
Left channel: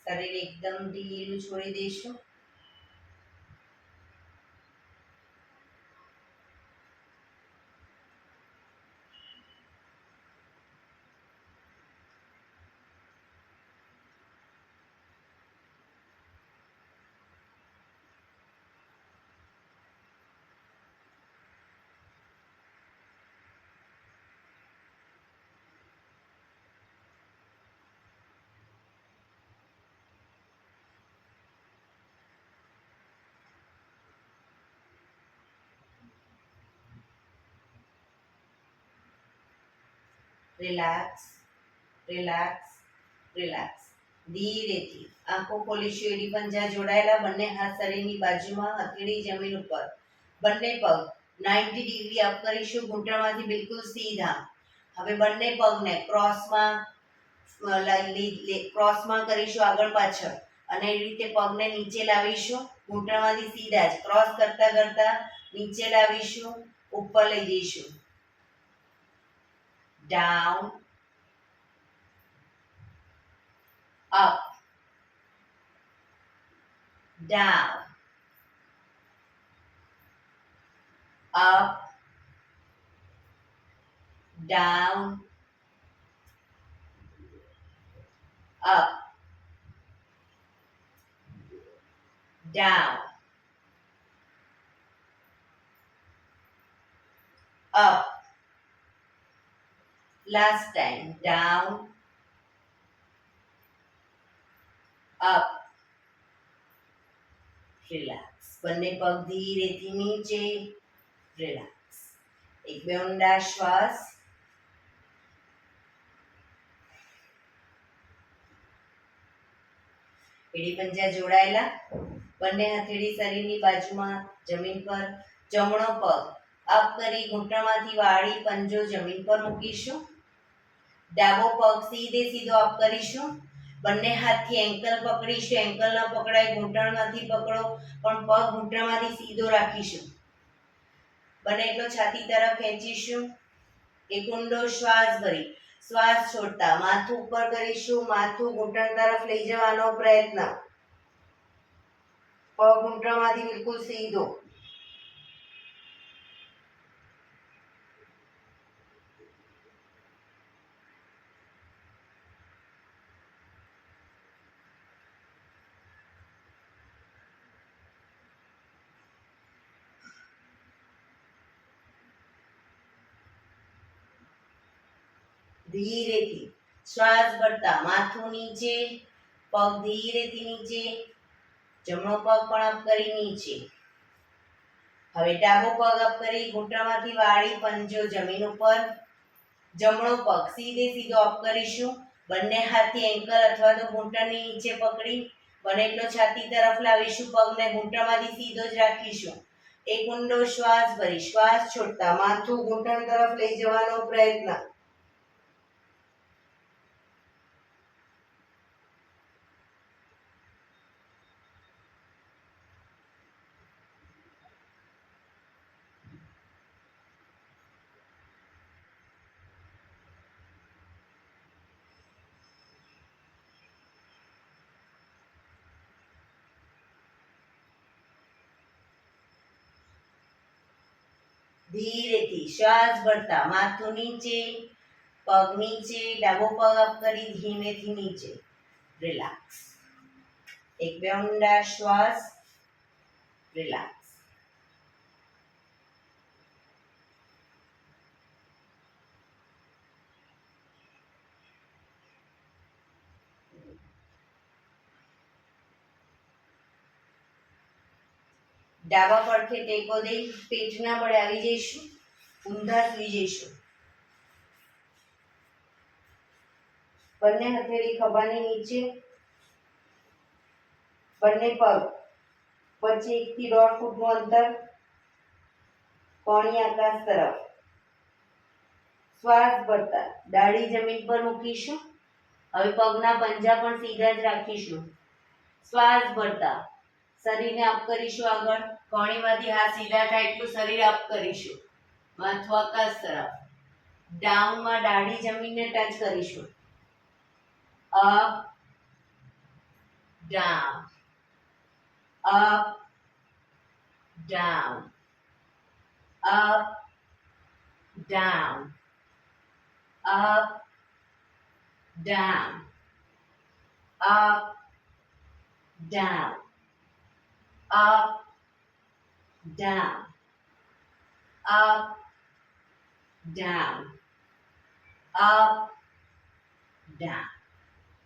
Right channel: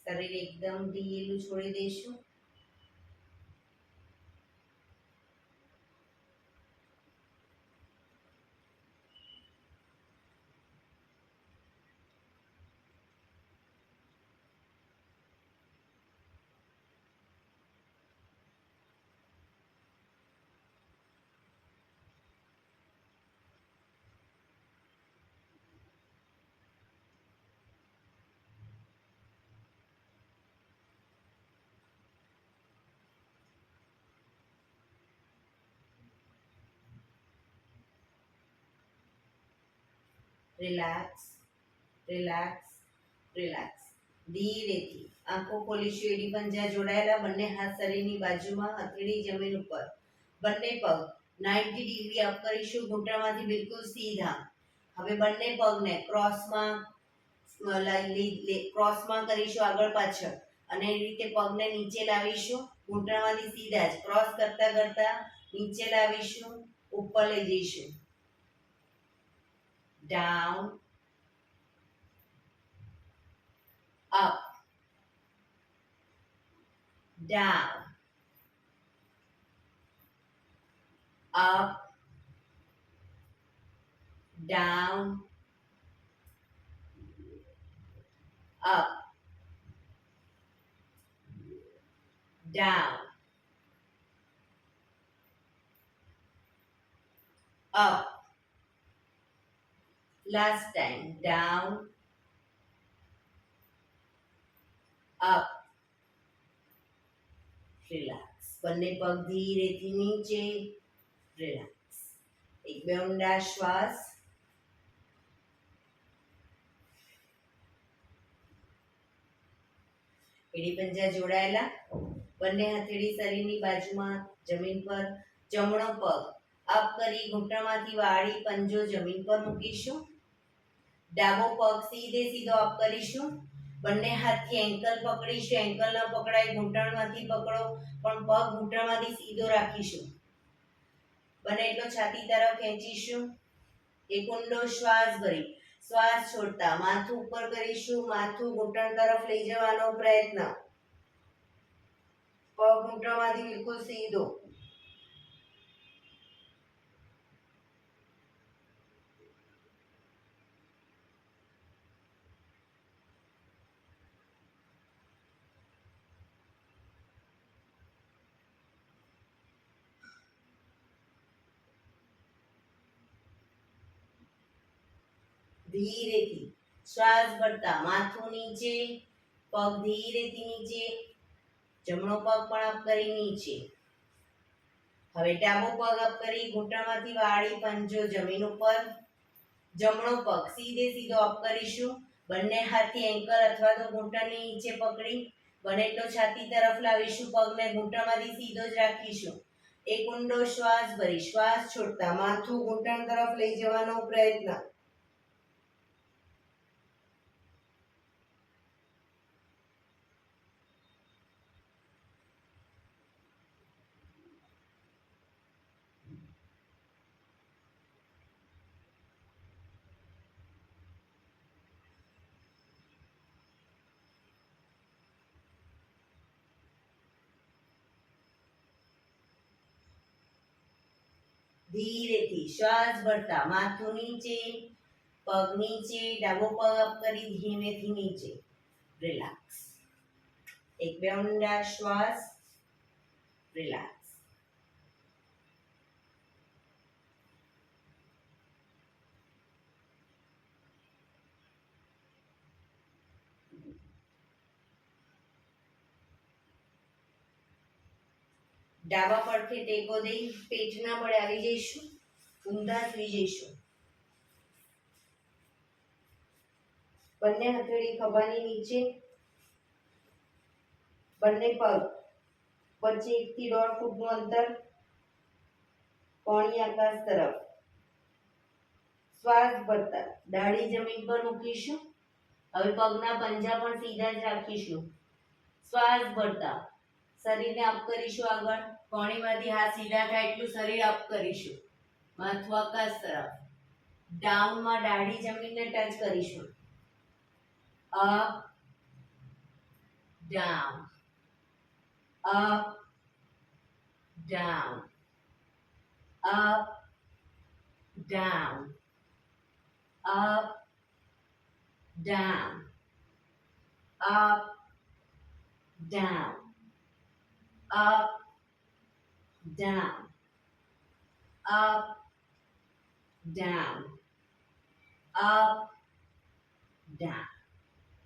શરીર એકદમ ઢીલું છોડી દઈશું. Relax, relax, relax. ધીરેથી આંખો ખોલીશું. એડી પંજા જોડાયેલા. બંને હાથ શરીરની બાજુમાં, હથેળી જમીન ઉપર. બંને પગ 90 ડિગ્રી અપ કરીશું. ઘૂંટણમાંથી બિલકુલ સીધા. હવે બંને પગને ક્રોસમાં કરીશું, આગળ પાછળ. અને એ રીતે પગને નીચે લાવીશું. ઘૂંટણમાંથી સીધા જ ક્રોસ કરતા કરતા નીચે લાવીશું. ઉપર લઈ જઈશું. down, up, down, up, down, up, down, up. Last time. Down, up, relax. બંને પગ ધીરેથી નીચે, રિલેક્સ. એક બે ઊંડા શ્વાસ. એડી પંજા જોડાયેલા. બંને હથેળી શરીરની બાજુમાં જમીન પર. જમણો પગ અપ કરી ઘૂંટણમાંથી વાળી પંજો જમીન પર મૂકીશું. ડાબો પગ સીધે સીધો અપ કરીશું. બંને હાથથી એન્કલ પકડીશું. એન્કલ ન પકડાય, ઘૂંટણમાંથી પકડો, પણ પગ ઘૂંટણમાંથી સીધો રાખીશું. બને એટલો છાતી તરફ ખેંચીશું. એક ઊંડો શ્વાસ ભરી શ્વાસ છોડતા માથું ઉપર કરીશું. માથું ઘૂંટણ તરફ લઈ જવાનો પ્રયત્ન. પગ ઘૂંટણમાંથી બિલકુલ સીધો. ધીરેથી શ્વાસ ભરતા માથું નીચે, પગ ધીરેથી નીચે. જમણો પગ પણ અપ કરી નીચે. હવે ડાબો પગ અપ કરી ઘૂંટણમાંથી વાળી પંજો જમીન ઉપર. જમણો પગ સીધે સીધો અપ કરીશું. બંને હાથથી એન્કલ અથવા તો ઘૂંટણની નીચે પકડી બને એટલો છાતી તરફ લાવીશું. પગને ઘૂંટણમાંથી સીધો જ રાખીશું. એક ઊંડો શ્વાસ ભરી શ્વાસ છોડતા માથું ઘૂંટણ તરફ લઈ જવાનો પ્રયત્ન. ધીરેથી શ્વાસ ભરતા માથું નીચે, પગ નીચે. ડાબો પગ અપ કરી ધીમેથી નીચે, રિલેક્સ. એક બે ઊંડા શ્વાસ, રિલેક્સ. ડાબા પડખે ટેકો દઈ પેટના બળે આવી જઈશું. ઊંધા સુઈ જઈશું. બંને હથેળી ખભાની નીચે. બંને પગ વચ્ચે 1 થી 1.5 ફૂટનું અંતર. કોણી આકાશ તરફ. શ્વાસ ભરતા દાઢી જમીન પર મૂકીશું. હવે પગના પંજા પણ સીધા જ રાખીશું. શ્વાસ ભરતા શરીરને અપ કરીશું. આગળ કોણીમાંથી હાથ સીધા થાય એટલું શરીર અપ કરીશું. માથું આકાશ તરફ. ડાઉનમાં દાઢી જમીનને ટચ કરીશું. Up, down, up, down, up, down, up, down, up, down, up, down, up, down, up, down.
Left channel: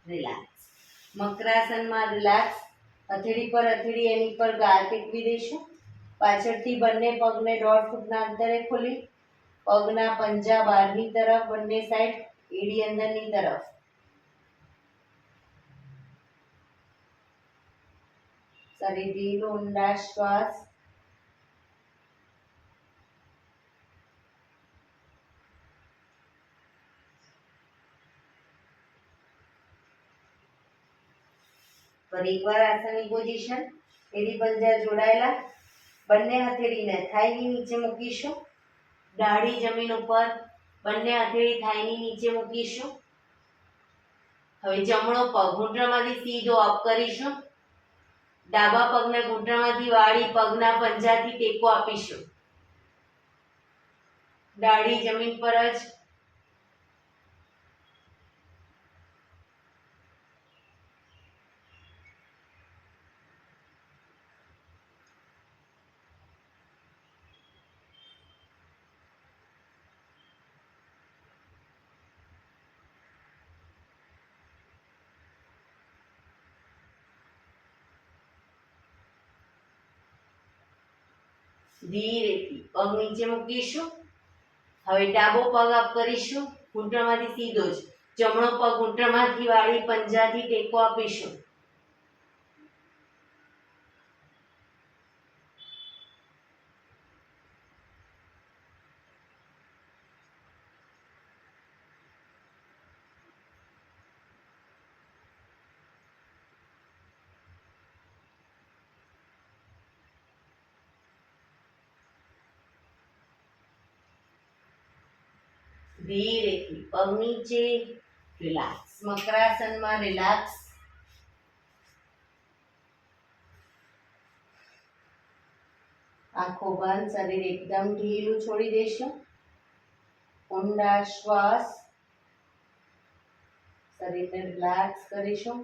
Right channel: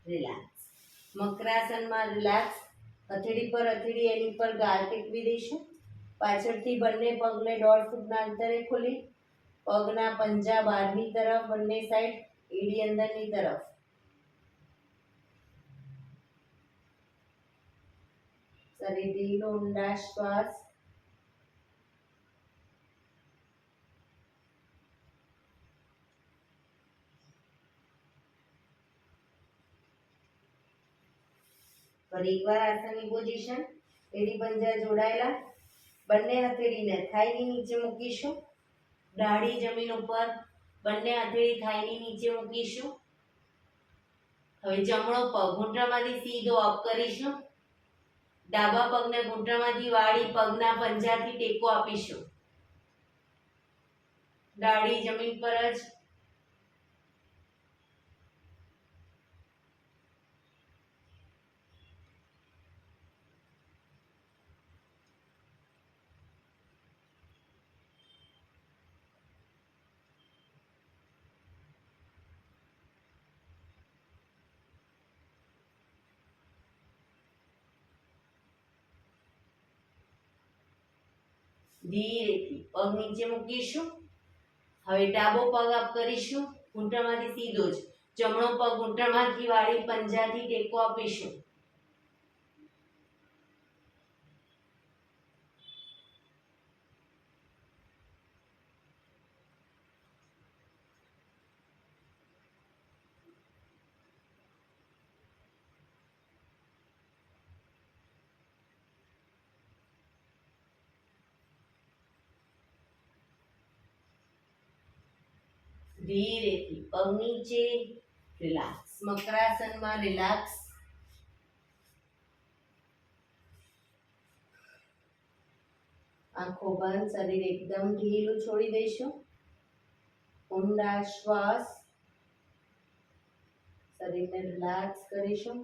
Relax. મકરાસનમાં રિલેક્સ. હથેળી પર હથેળી એની પર ગાલ ટેકવી દઈશું. પાછળથી બંને પગને 1.5 ફૂટના અંતરે ખોલી પગના પંજા બહારની તરફ, બંને સાઈડ, એડી અંદરની તરફ. શરીર ઢીલું, ઊંડા શ્વાસ. ફરી એકવાર આસનની પોઝિશન. એડી પંજા જોડાયેલા. બંને હથેળીને થાઈની નીચે મૂકીશું. દાઢી જમીન ઉપર. બંને હથેળી થાઈની નીચે મૂકીશું. હવે જમણો પગ ઘૂંટણમાંથી સીધો અપ કરીશું. ડાબા પગને ઘૂંટણમાંથી વાળી પગના પંજાથી ટેકો આપીશું. દાઢી જમીન પર જ. ધીરેથી પગ નીચે મૂકીશું. હવે ડાબો પગ અપ કરીશું, ઘૂંટણમાંથી સીધો જ. જમણો પગ ઘૂંટણમાંથી વાળી પંજાથી ટેકો આપીશું. ધીરેથી પગ નીચે, રિલેક્સ. મકરાસનમાં રિલેક્સ. આંખો બંધ, શરીર એકદમ ઢીલું છોડી દઈશું. ઊંડા શ્વાસ, શરીરને રિલેક્સ કરીશું.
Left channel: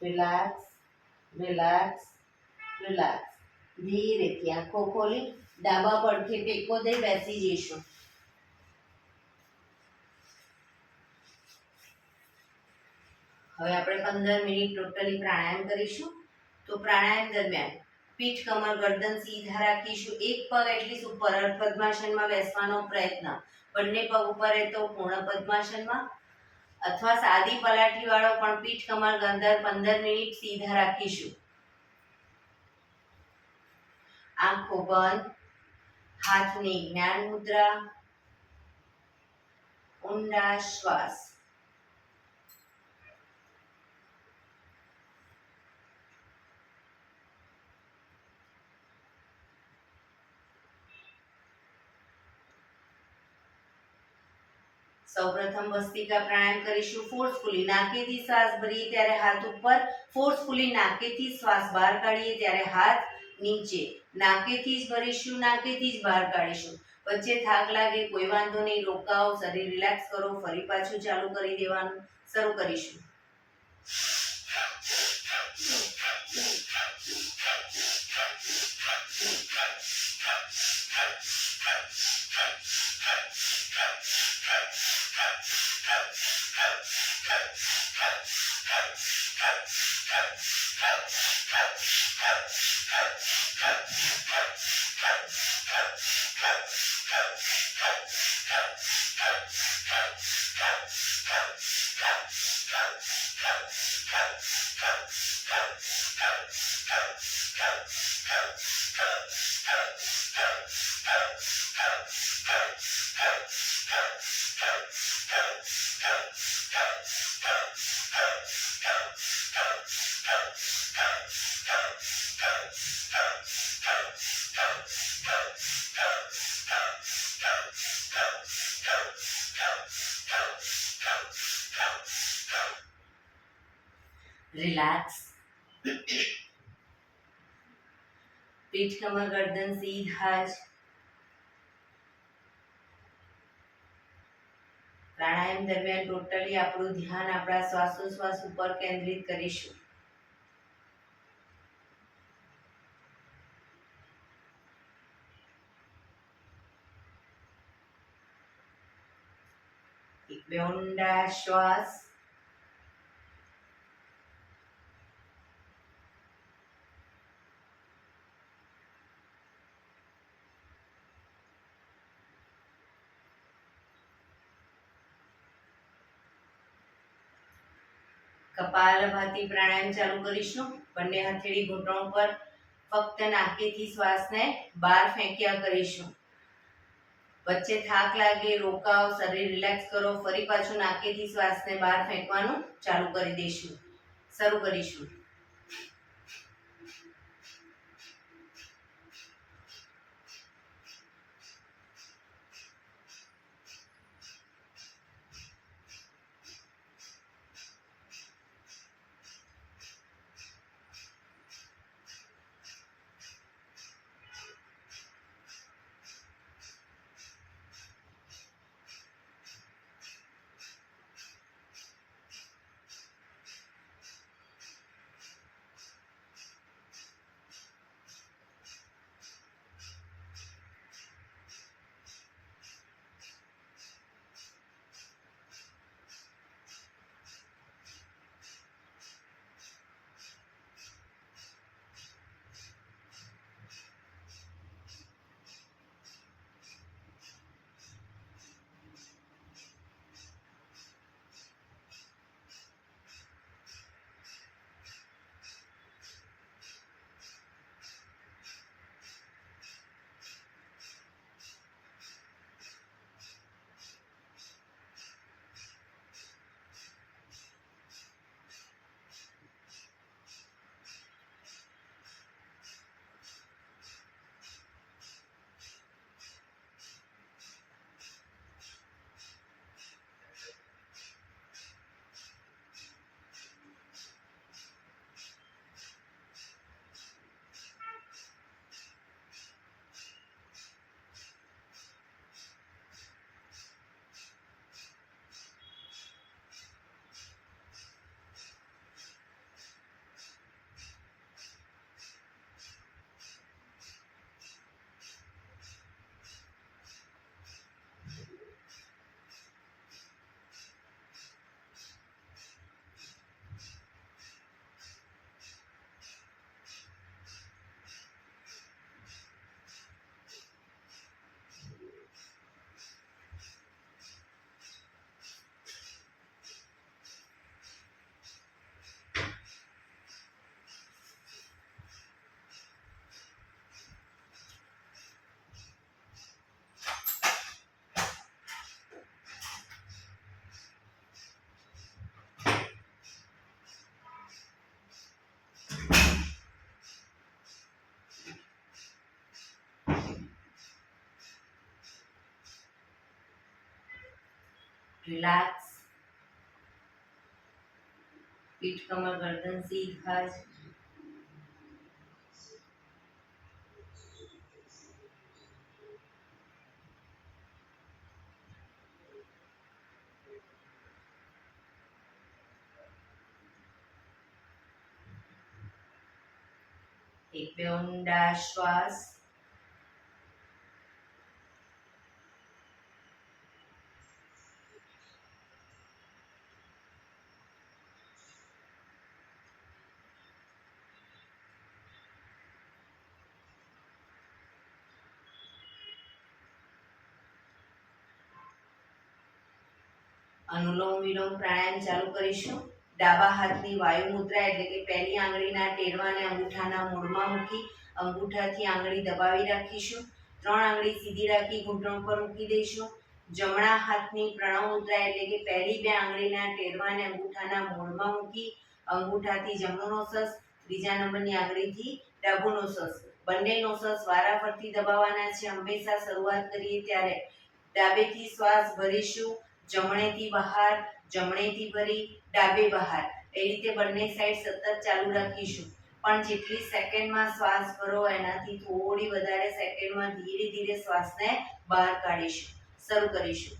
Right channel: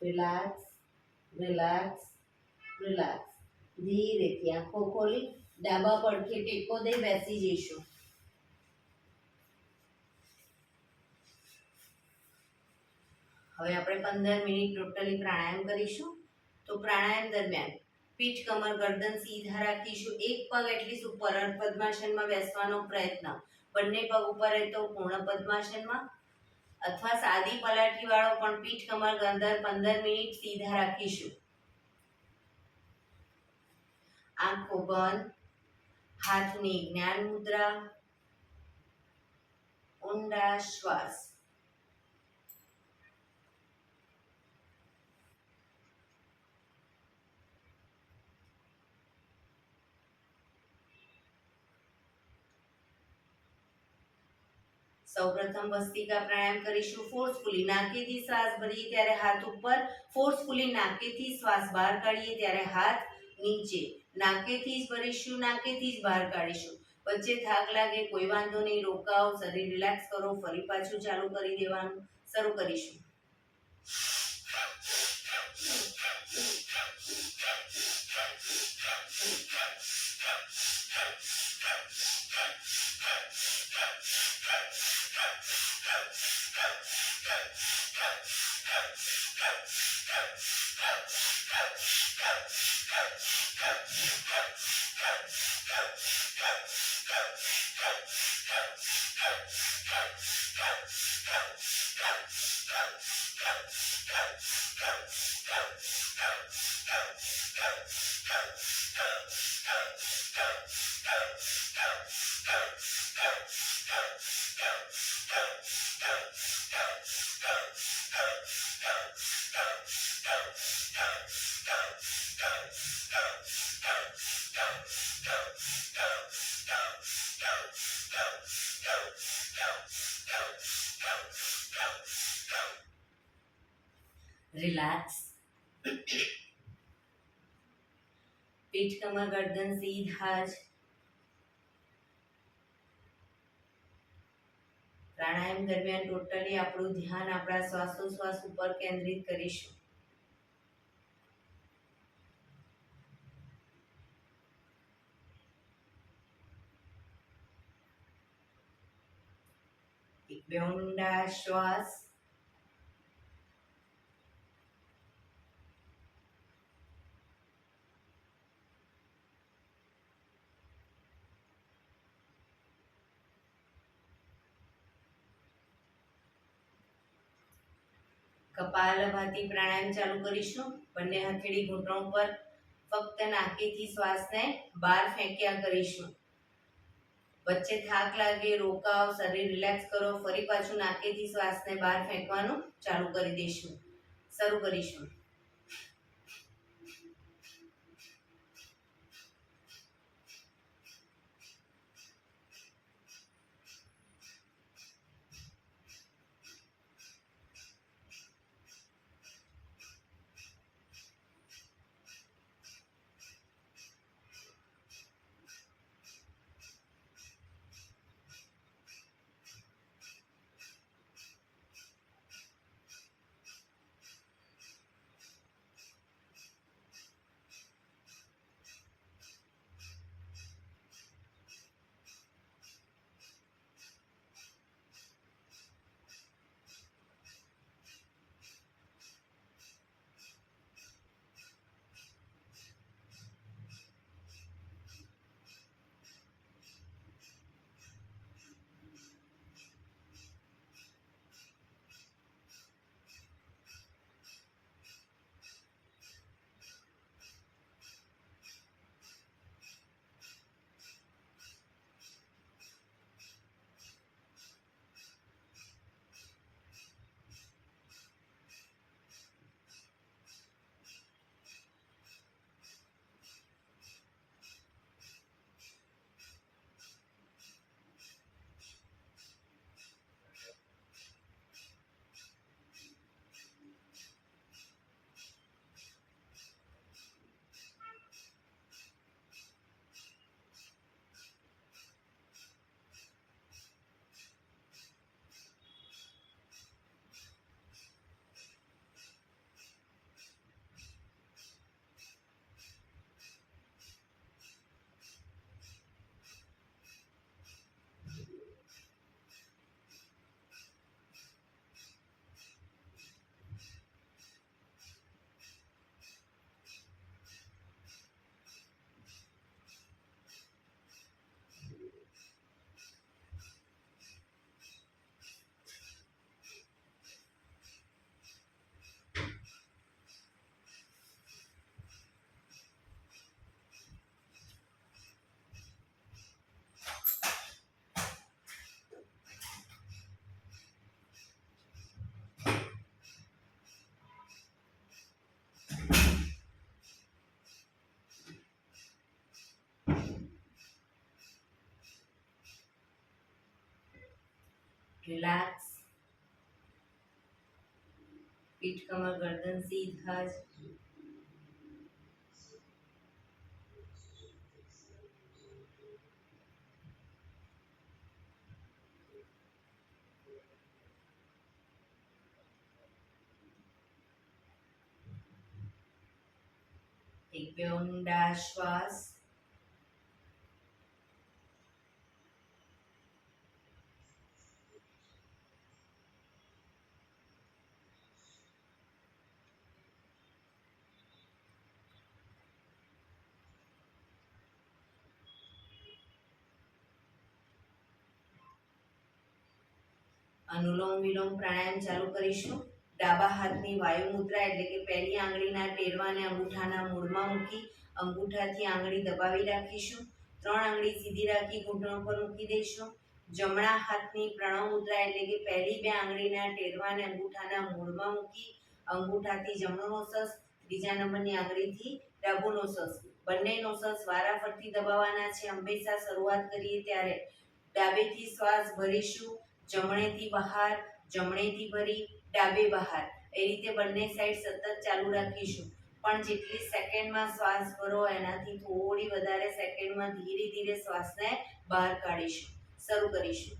Relax, relax, relax. ધીરેથી આંખો ખોલી ડાબા પડખે ટેકો દઈ બેસી જઈશું. હવે આપણે 15 મિનિટ ટોટલી પ્રાણાયામ કરીશું. તો પ્રાણાયામ દરમિયાન પીઠ, કમર, ગરદન સીધા રાખીશું. એક પગ એટલીસ્ટ ઉપર અર્ધ પદ્માસનમાં બેસવાનો પ્રયત્ન. બંને પગ ઉપર રહે તો પૂર્ણ પદ્માસનમાં, અથવા સાદી પલાઠી વાળો પણ પીઠ, કમર, ગરદન 15 મિનિટ સીધા રાખીશું. આંખો બંધ, હાથની જ્ઞાન મુદ્રા, ઊંડા શ્વાસ. સૌપ્રથમ ભસ્ત્રિકા પ્રાણાયામ કરીશું. ફોર્સફુલી નાકેથી શ્વાસ ભરીએ ત્યારે હાથ ઉપર, ફોર્સફુલી નાકેથી શ્વાસ બહાર કાઢીએ ત્યારે હાથ નીચે. નાકેથી જ ભરીશું, નાકેથી જ બહાર કાઢીશું. વચ્ચે થાક લાગે કોઈ વાંધો નહીં, રોકાઓ, શરીર રિલેક્સ કરો, ફરી પાછું ચાલુ કરી દેવાનું. શરૂ કરીશું. રિલેક્સ. પીઠ, કમર, ગરદન સીધા જ. પ્રાણાયામ દરમિયાન ટોટલી આપણું ધ્યાન આપણા શ્વાસોશ્વાસ ઉપર કેન્દ્રિત કરીશું. એક બે ઊંડા શ્વાસ. કપાલભાતિ પ્રાણાયામ ચાલુ કરીશું. બંને હથેળી ઘૂંટણ પર, ફક્ત નાકેથી શ્વાસને બહાર ફેંક્યા કરીશું. વચ્ચે થાક લાગે રોકાવ, શરીર રિલેક્સ કરો, ફરી પાછું નાકેથી શ્વાસને બહાર ફેંકવાનું ચાલુ કરી દઈશું. શરૂ કરીશું. રિલેક્સ. પીઠ કમર ગરદન સીધા જ. એક બે ઊંડા શ્વાસ. અનુલોમ વિલોમ પ્રાણાયામ ચાલુ કરીશું. ડાબા હાથની વાયુ મુદ્રા એટલે કે પહેલી આંગળીના ટેરવાને અંગૂઠાના મૂળમાં મૂકી અંગૂઠાથી આંગળી દબાવી રાખીશું. 3 આંગળી સીધી રાખી ઘૂંટણ પર મૂકી દઈશું. જમણા હાથની પ્રણવ મુદ્રા એટલે કે પહેલી 2 આંગળીના ટેરવાને અંગૂઠાના મૂળમાં મૂકી અંગૂઠાથી જમણો નોસસ, ત્રીજા નંબરની આંગળીથી ડાબો નોસસ, બંને નોસસ વારાફરતી દબાવવાના છે. હંમેશા શરૂઆત કરીએ ત્યારે ડાબેથી શ્વાસ ભરીશું, જમણેથી બહાર, જમણેથી ભરી, ડાબે બહાર. એ રીતે બંને સાઈડ સતત ચાલુ રાખીશું. પણ જેટલી સેકન્ડમાં શ્વાસ ભરો એનાથી થોડી વધારે સેકન્ડમાં ધીરે ધીરે શ્વાસને બહાર કાઢીશું. શરૂ કરીશું.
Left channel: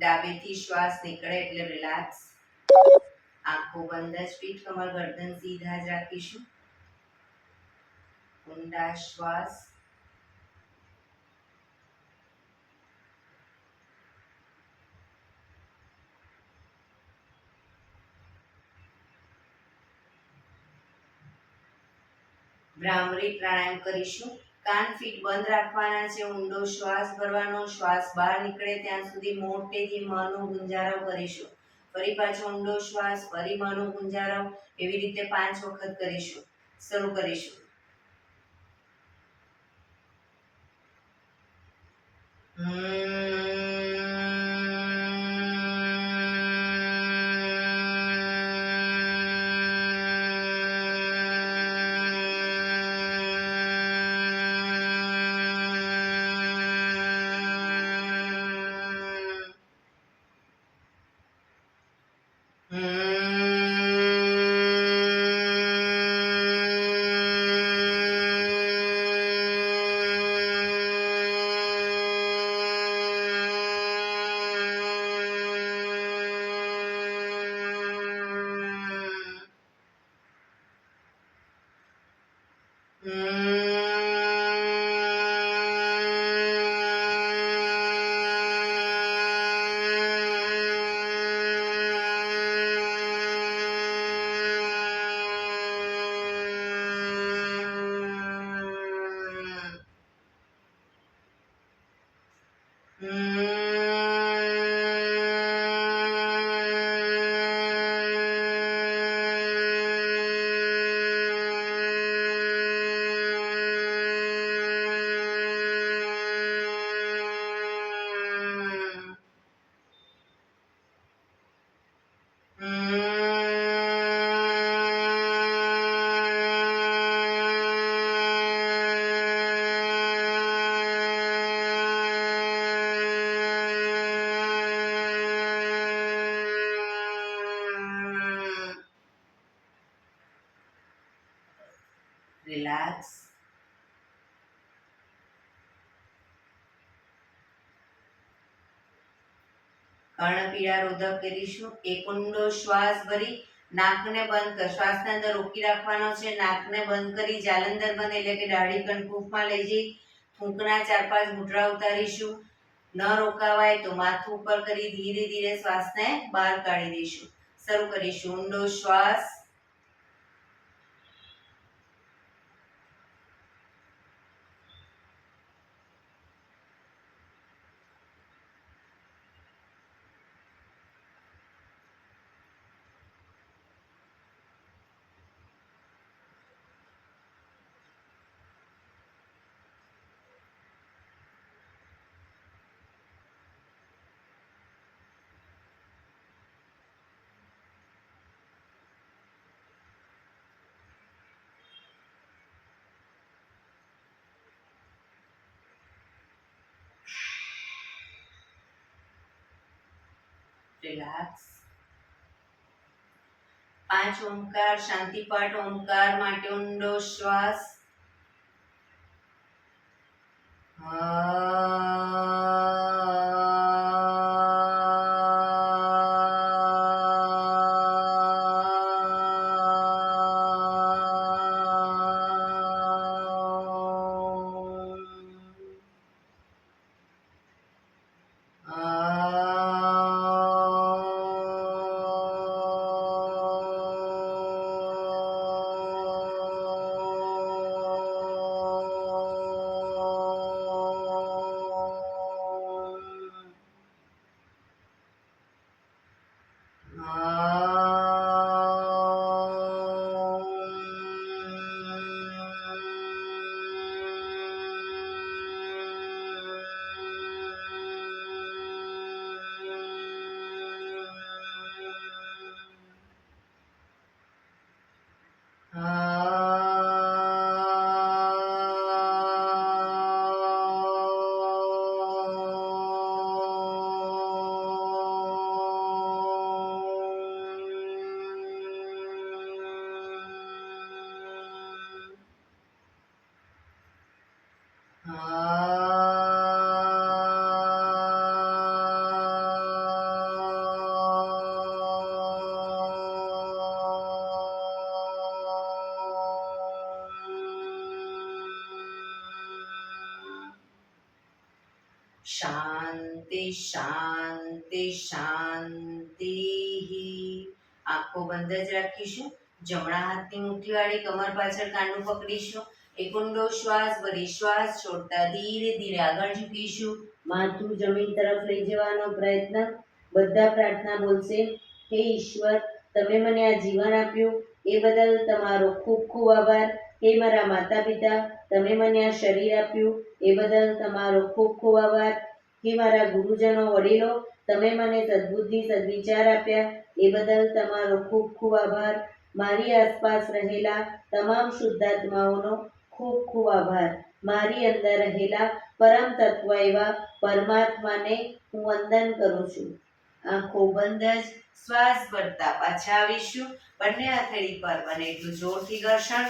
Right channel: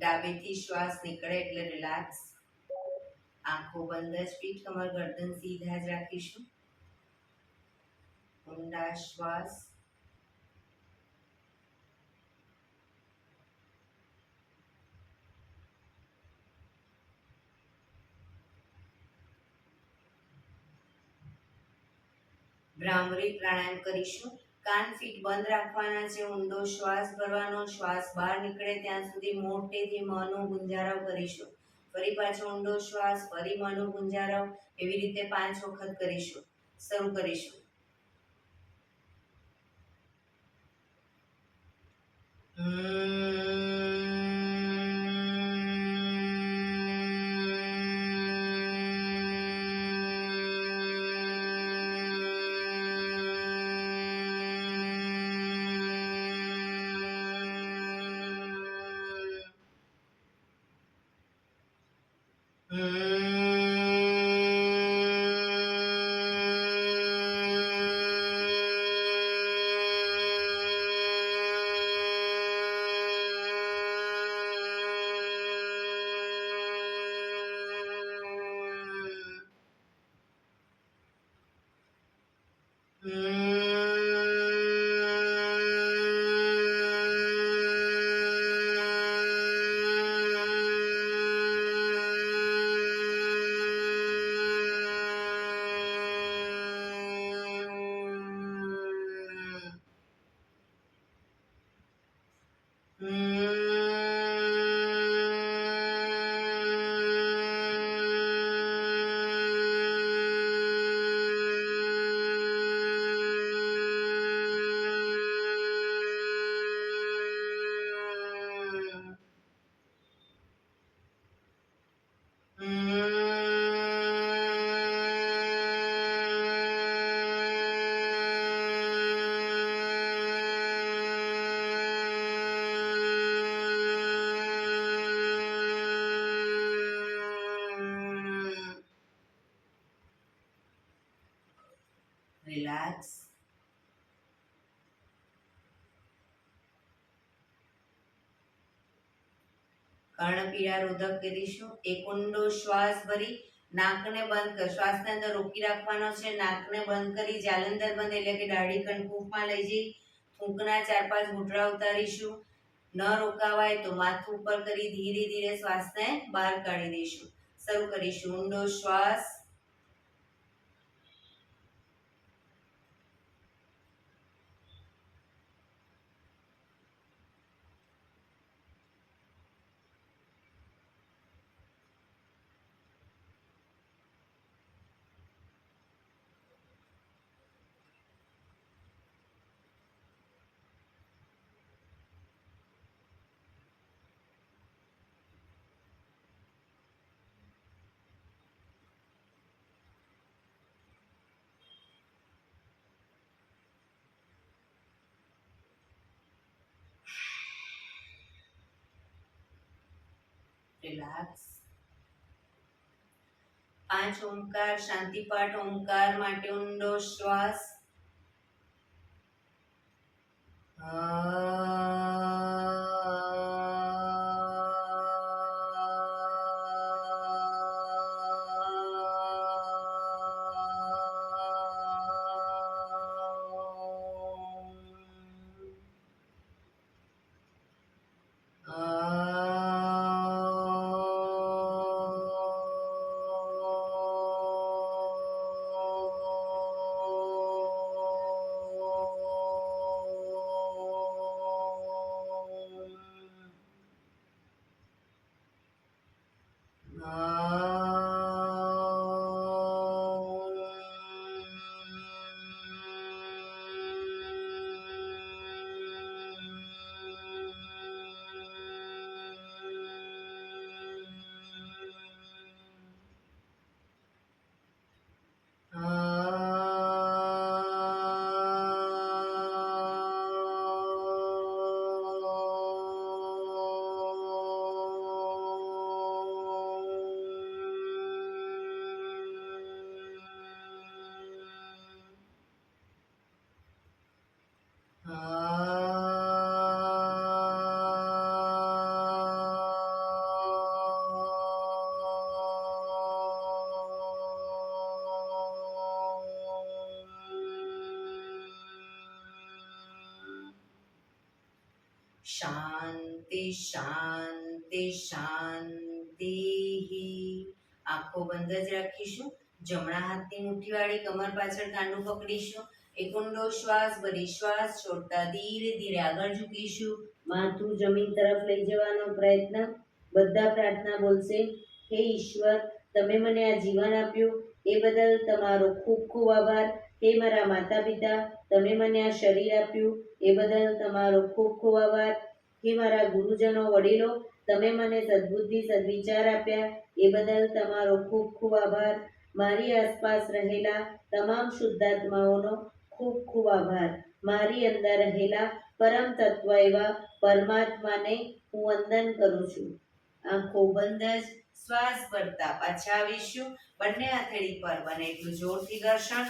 ડાબેથી શ્વાસ નીકળે એટલે રિલેક્સ. આંખો બંધ જ, પીઠ કમર ગરદન સીધા જ રાખીશું. ઊંડા શ્વાસ. ભ્રામરી પ્રાણાયામ કરીશું. કાન ફીટ બંધ રાખવાના છે. ઊંડો શ્વાસ ભરવાનો. શ્વાસ બહાર નીકળે ત્યાં સુધી મોટેથી મનો ગુંજારવ કરીશું. ફરી પાછો ઊંડો શ્વાસ, ફરી મનો ગુંજારવ. એવી રીતે 5 વખત કરીશું. શરૂ કરીશું. રિલેક્સ. કર્ણપીડા રોધક કરીશું. એક ઊંડો શ્વાસ ભરી નાકને બંધ કર. શ્વાસને અંદર રોકી રાખવાનો છે. નાકને બંધ કરી જાલંધર બંધ એટલે કે દાઢી કણકુફમાં લઈ જઈ ફૂંકના 4-5 ઘૂંટડા ઉતારીશું. ન રોકાવાય તો માથું ઉપર કરી ધીરે ધીરે શ્વાસને બહાર કાઢી દઈશું. શરૂ કરીશું. ઊંડો શ્વાસ. રિલેક્સ. 5 ઓમકાર શાંતિપાઠ. ઓમકાર માટે ઊંડો શ્વાસ. શાંતિ શાંતિ. આંખો બંધ જ રાખીશું. જમણા હાથની મુઠ્ઠીવાળી કમર પાછળ કાંડું પકડીશું. એક ઊંડો શ્વાસ ભરી શ્વાસ છોડતા ધીરે ધીરે આગળ ઝૂકીશું. માથું જમીન તરફ લઈ જવાનો પ્રયત્ન. બધા પ્રાર્થના બોલશે. હે ઈશ્વર, તમે મને આ જીવન આપ્યું એ બદલ તમારો ખૂબ ખૂબ આભાર. હે મારા માતા પિતા, તમે મને આ શરીર આપ્યું એ બદલ તમારો ખૂબ ખૂબ આભાર. હે મારા ગુરુજનો વડીલો, તમે મને સદબુદ્ધિ સદવિચાર આપ્યા એ બદલ તમારો ખૂબ ખૂબ આભાર. મારી આસપાસ રહેલા તમામ શુદ્ધાત્માઓનો ખૂબ ખૂબ આભાર. મારી અંદર રહેલા પરમ તત્વ એવા પરમાત્માને હું વંદન કરું છું. આંખો બંધ જ શ્વાસ ભરતા પાછા આવીશું. બંને હથેળી પર બને એટલું જોરથી ઘર્ષણ.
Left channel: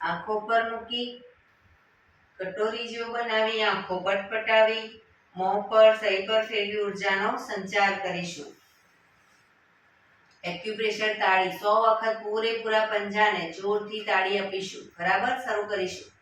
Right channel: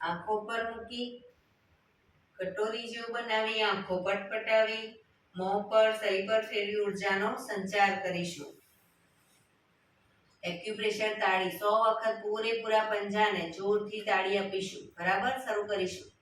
આંખો પર મૂકી કટોરી જેવું બનાવી આંખો પટપટાવી મોં પર સહી પર ફેરવી ઉર્જાનો સંચાર કરીશું. એક્યુપ્રેશર તાળી 100 વખત પૂરેપૂરા પંજાને જોરથી તાળી આપીશું. બરાબર, શરૂ કરીશું.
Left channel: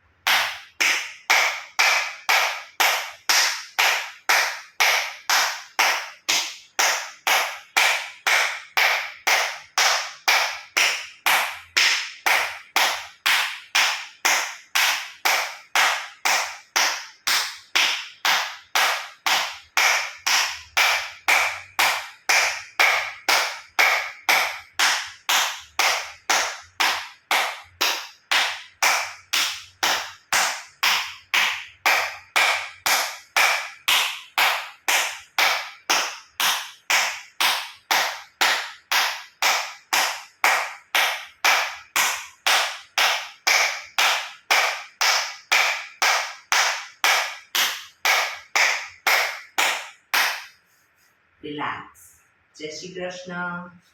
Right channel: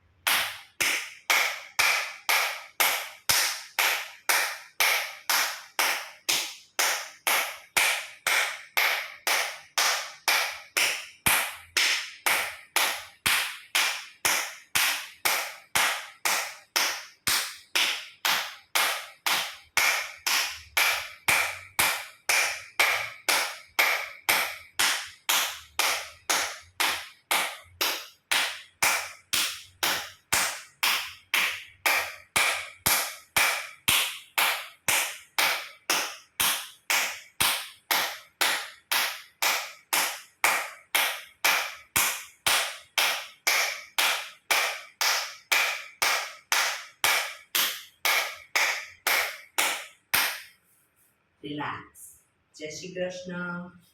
રિલેક્સ. જય શ્રી કૃષ્ણ.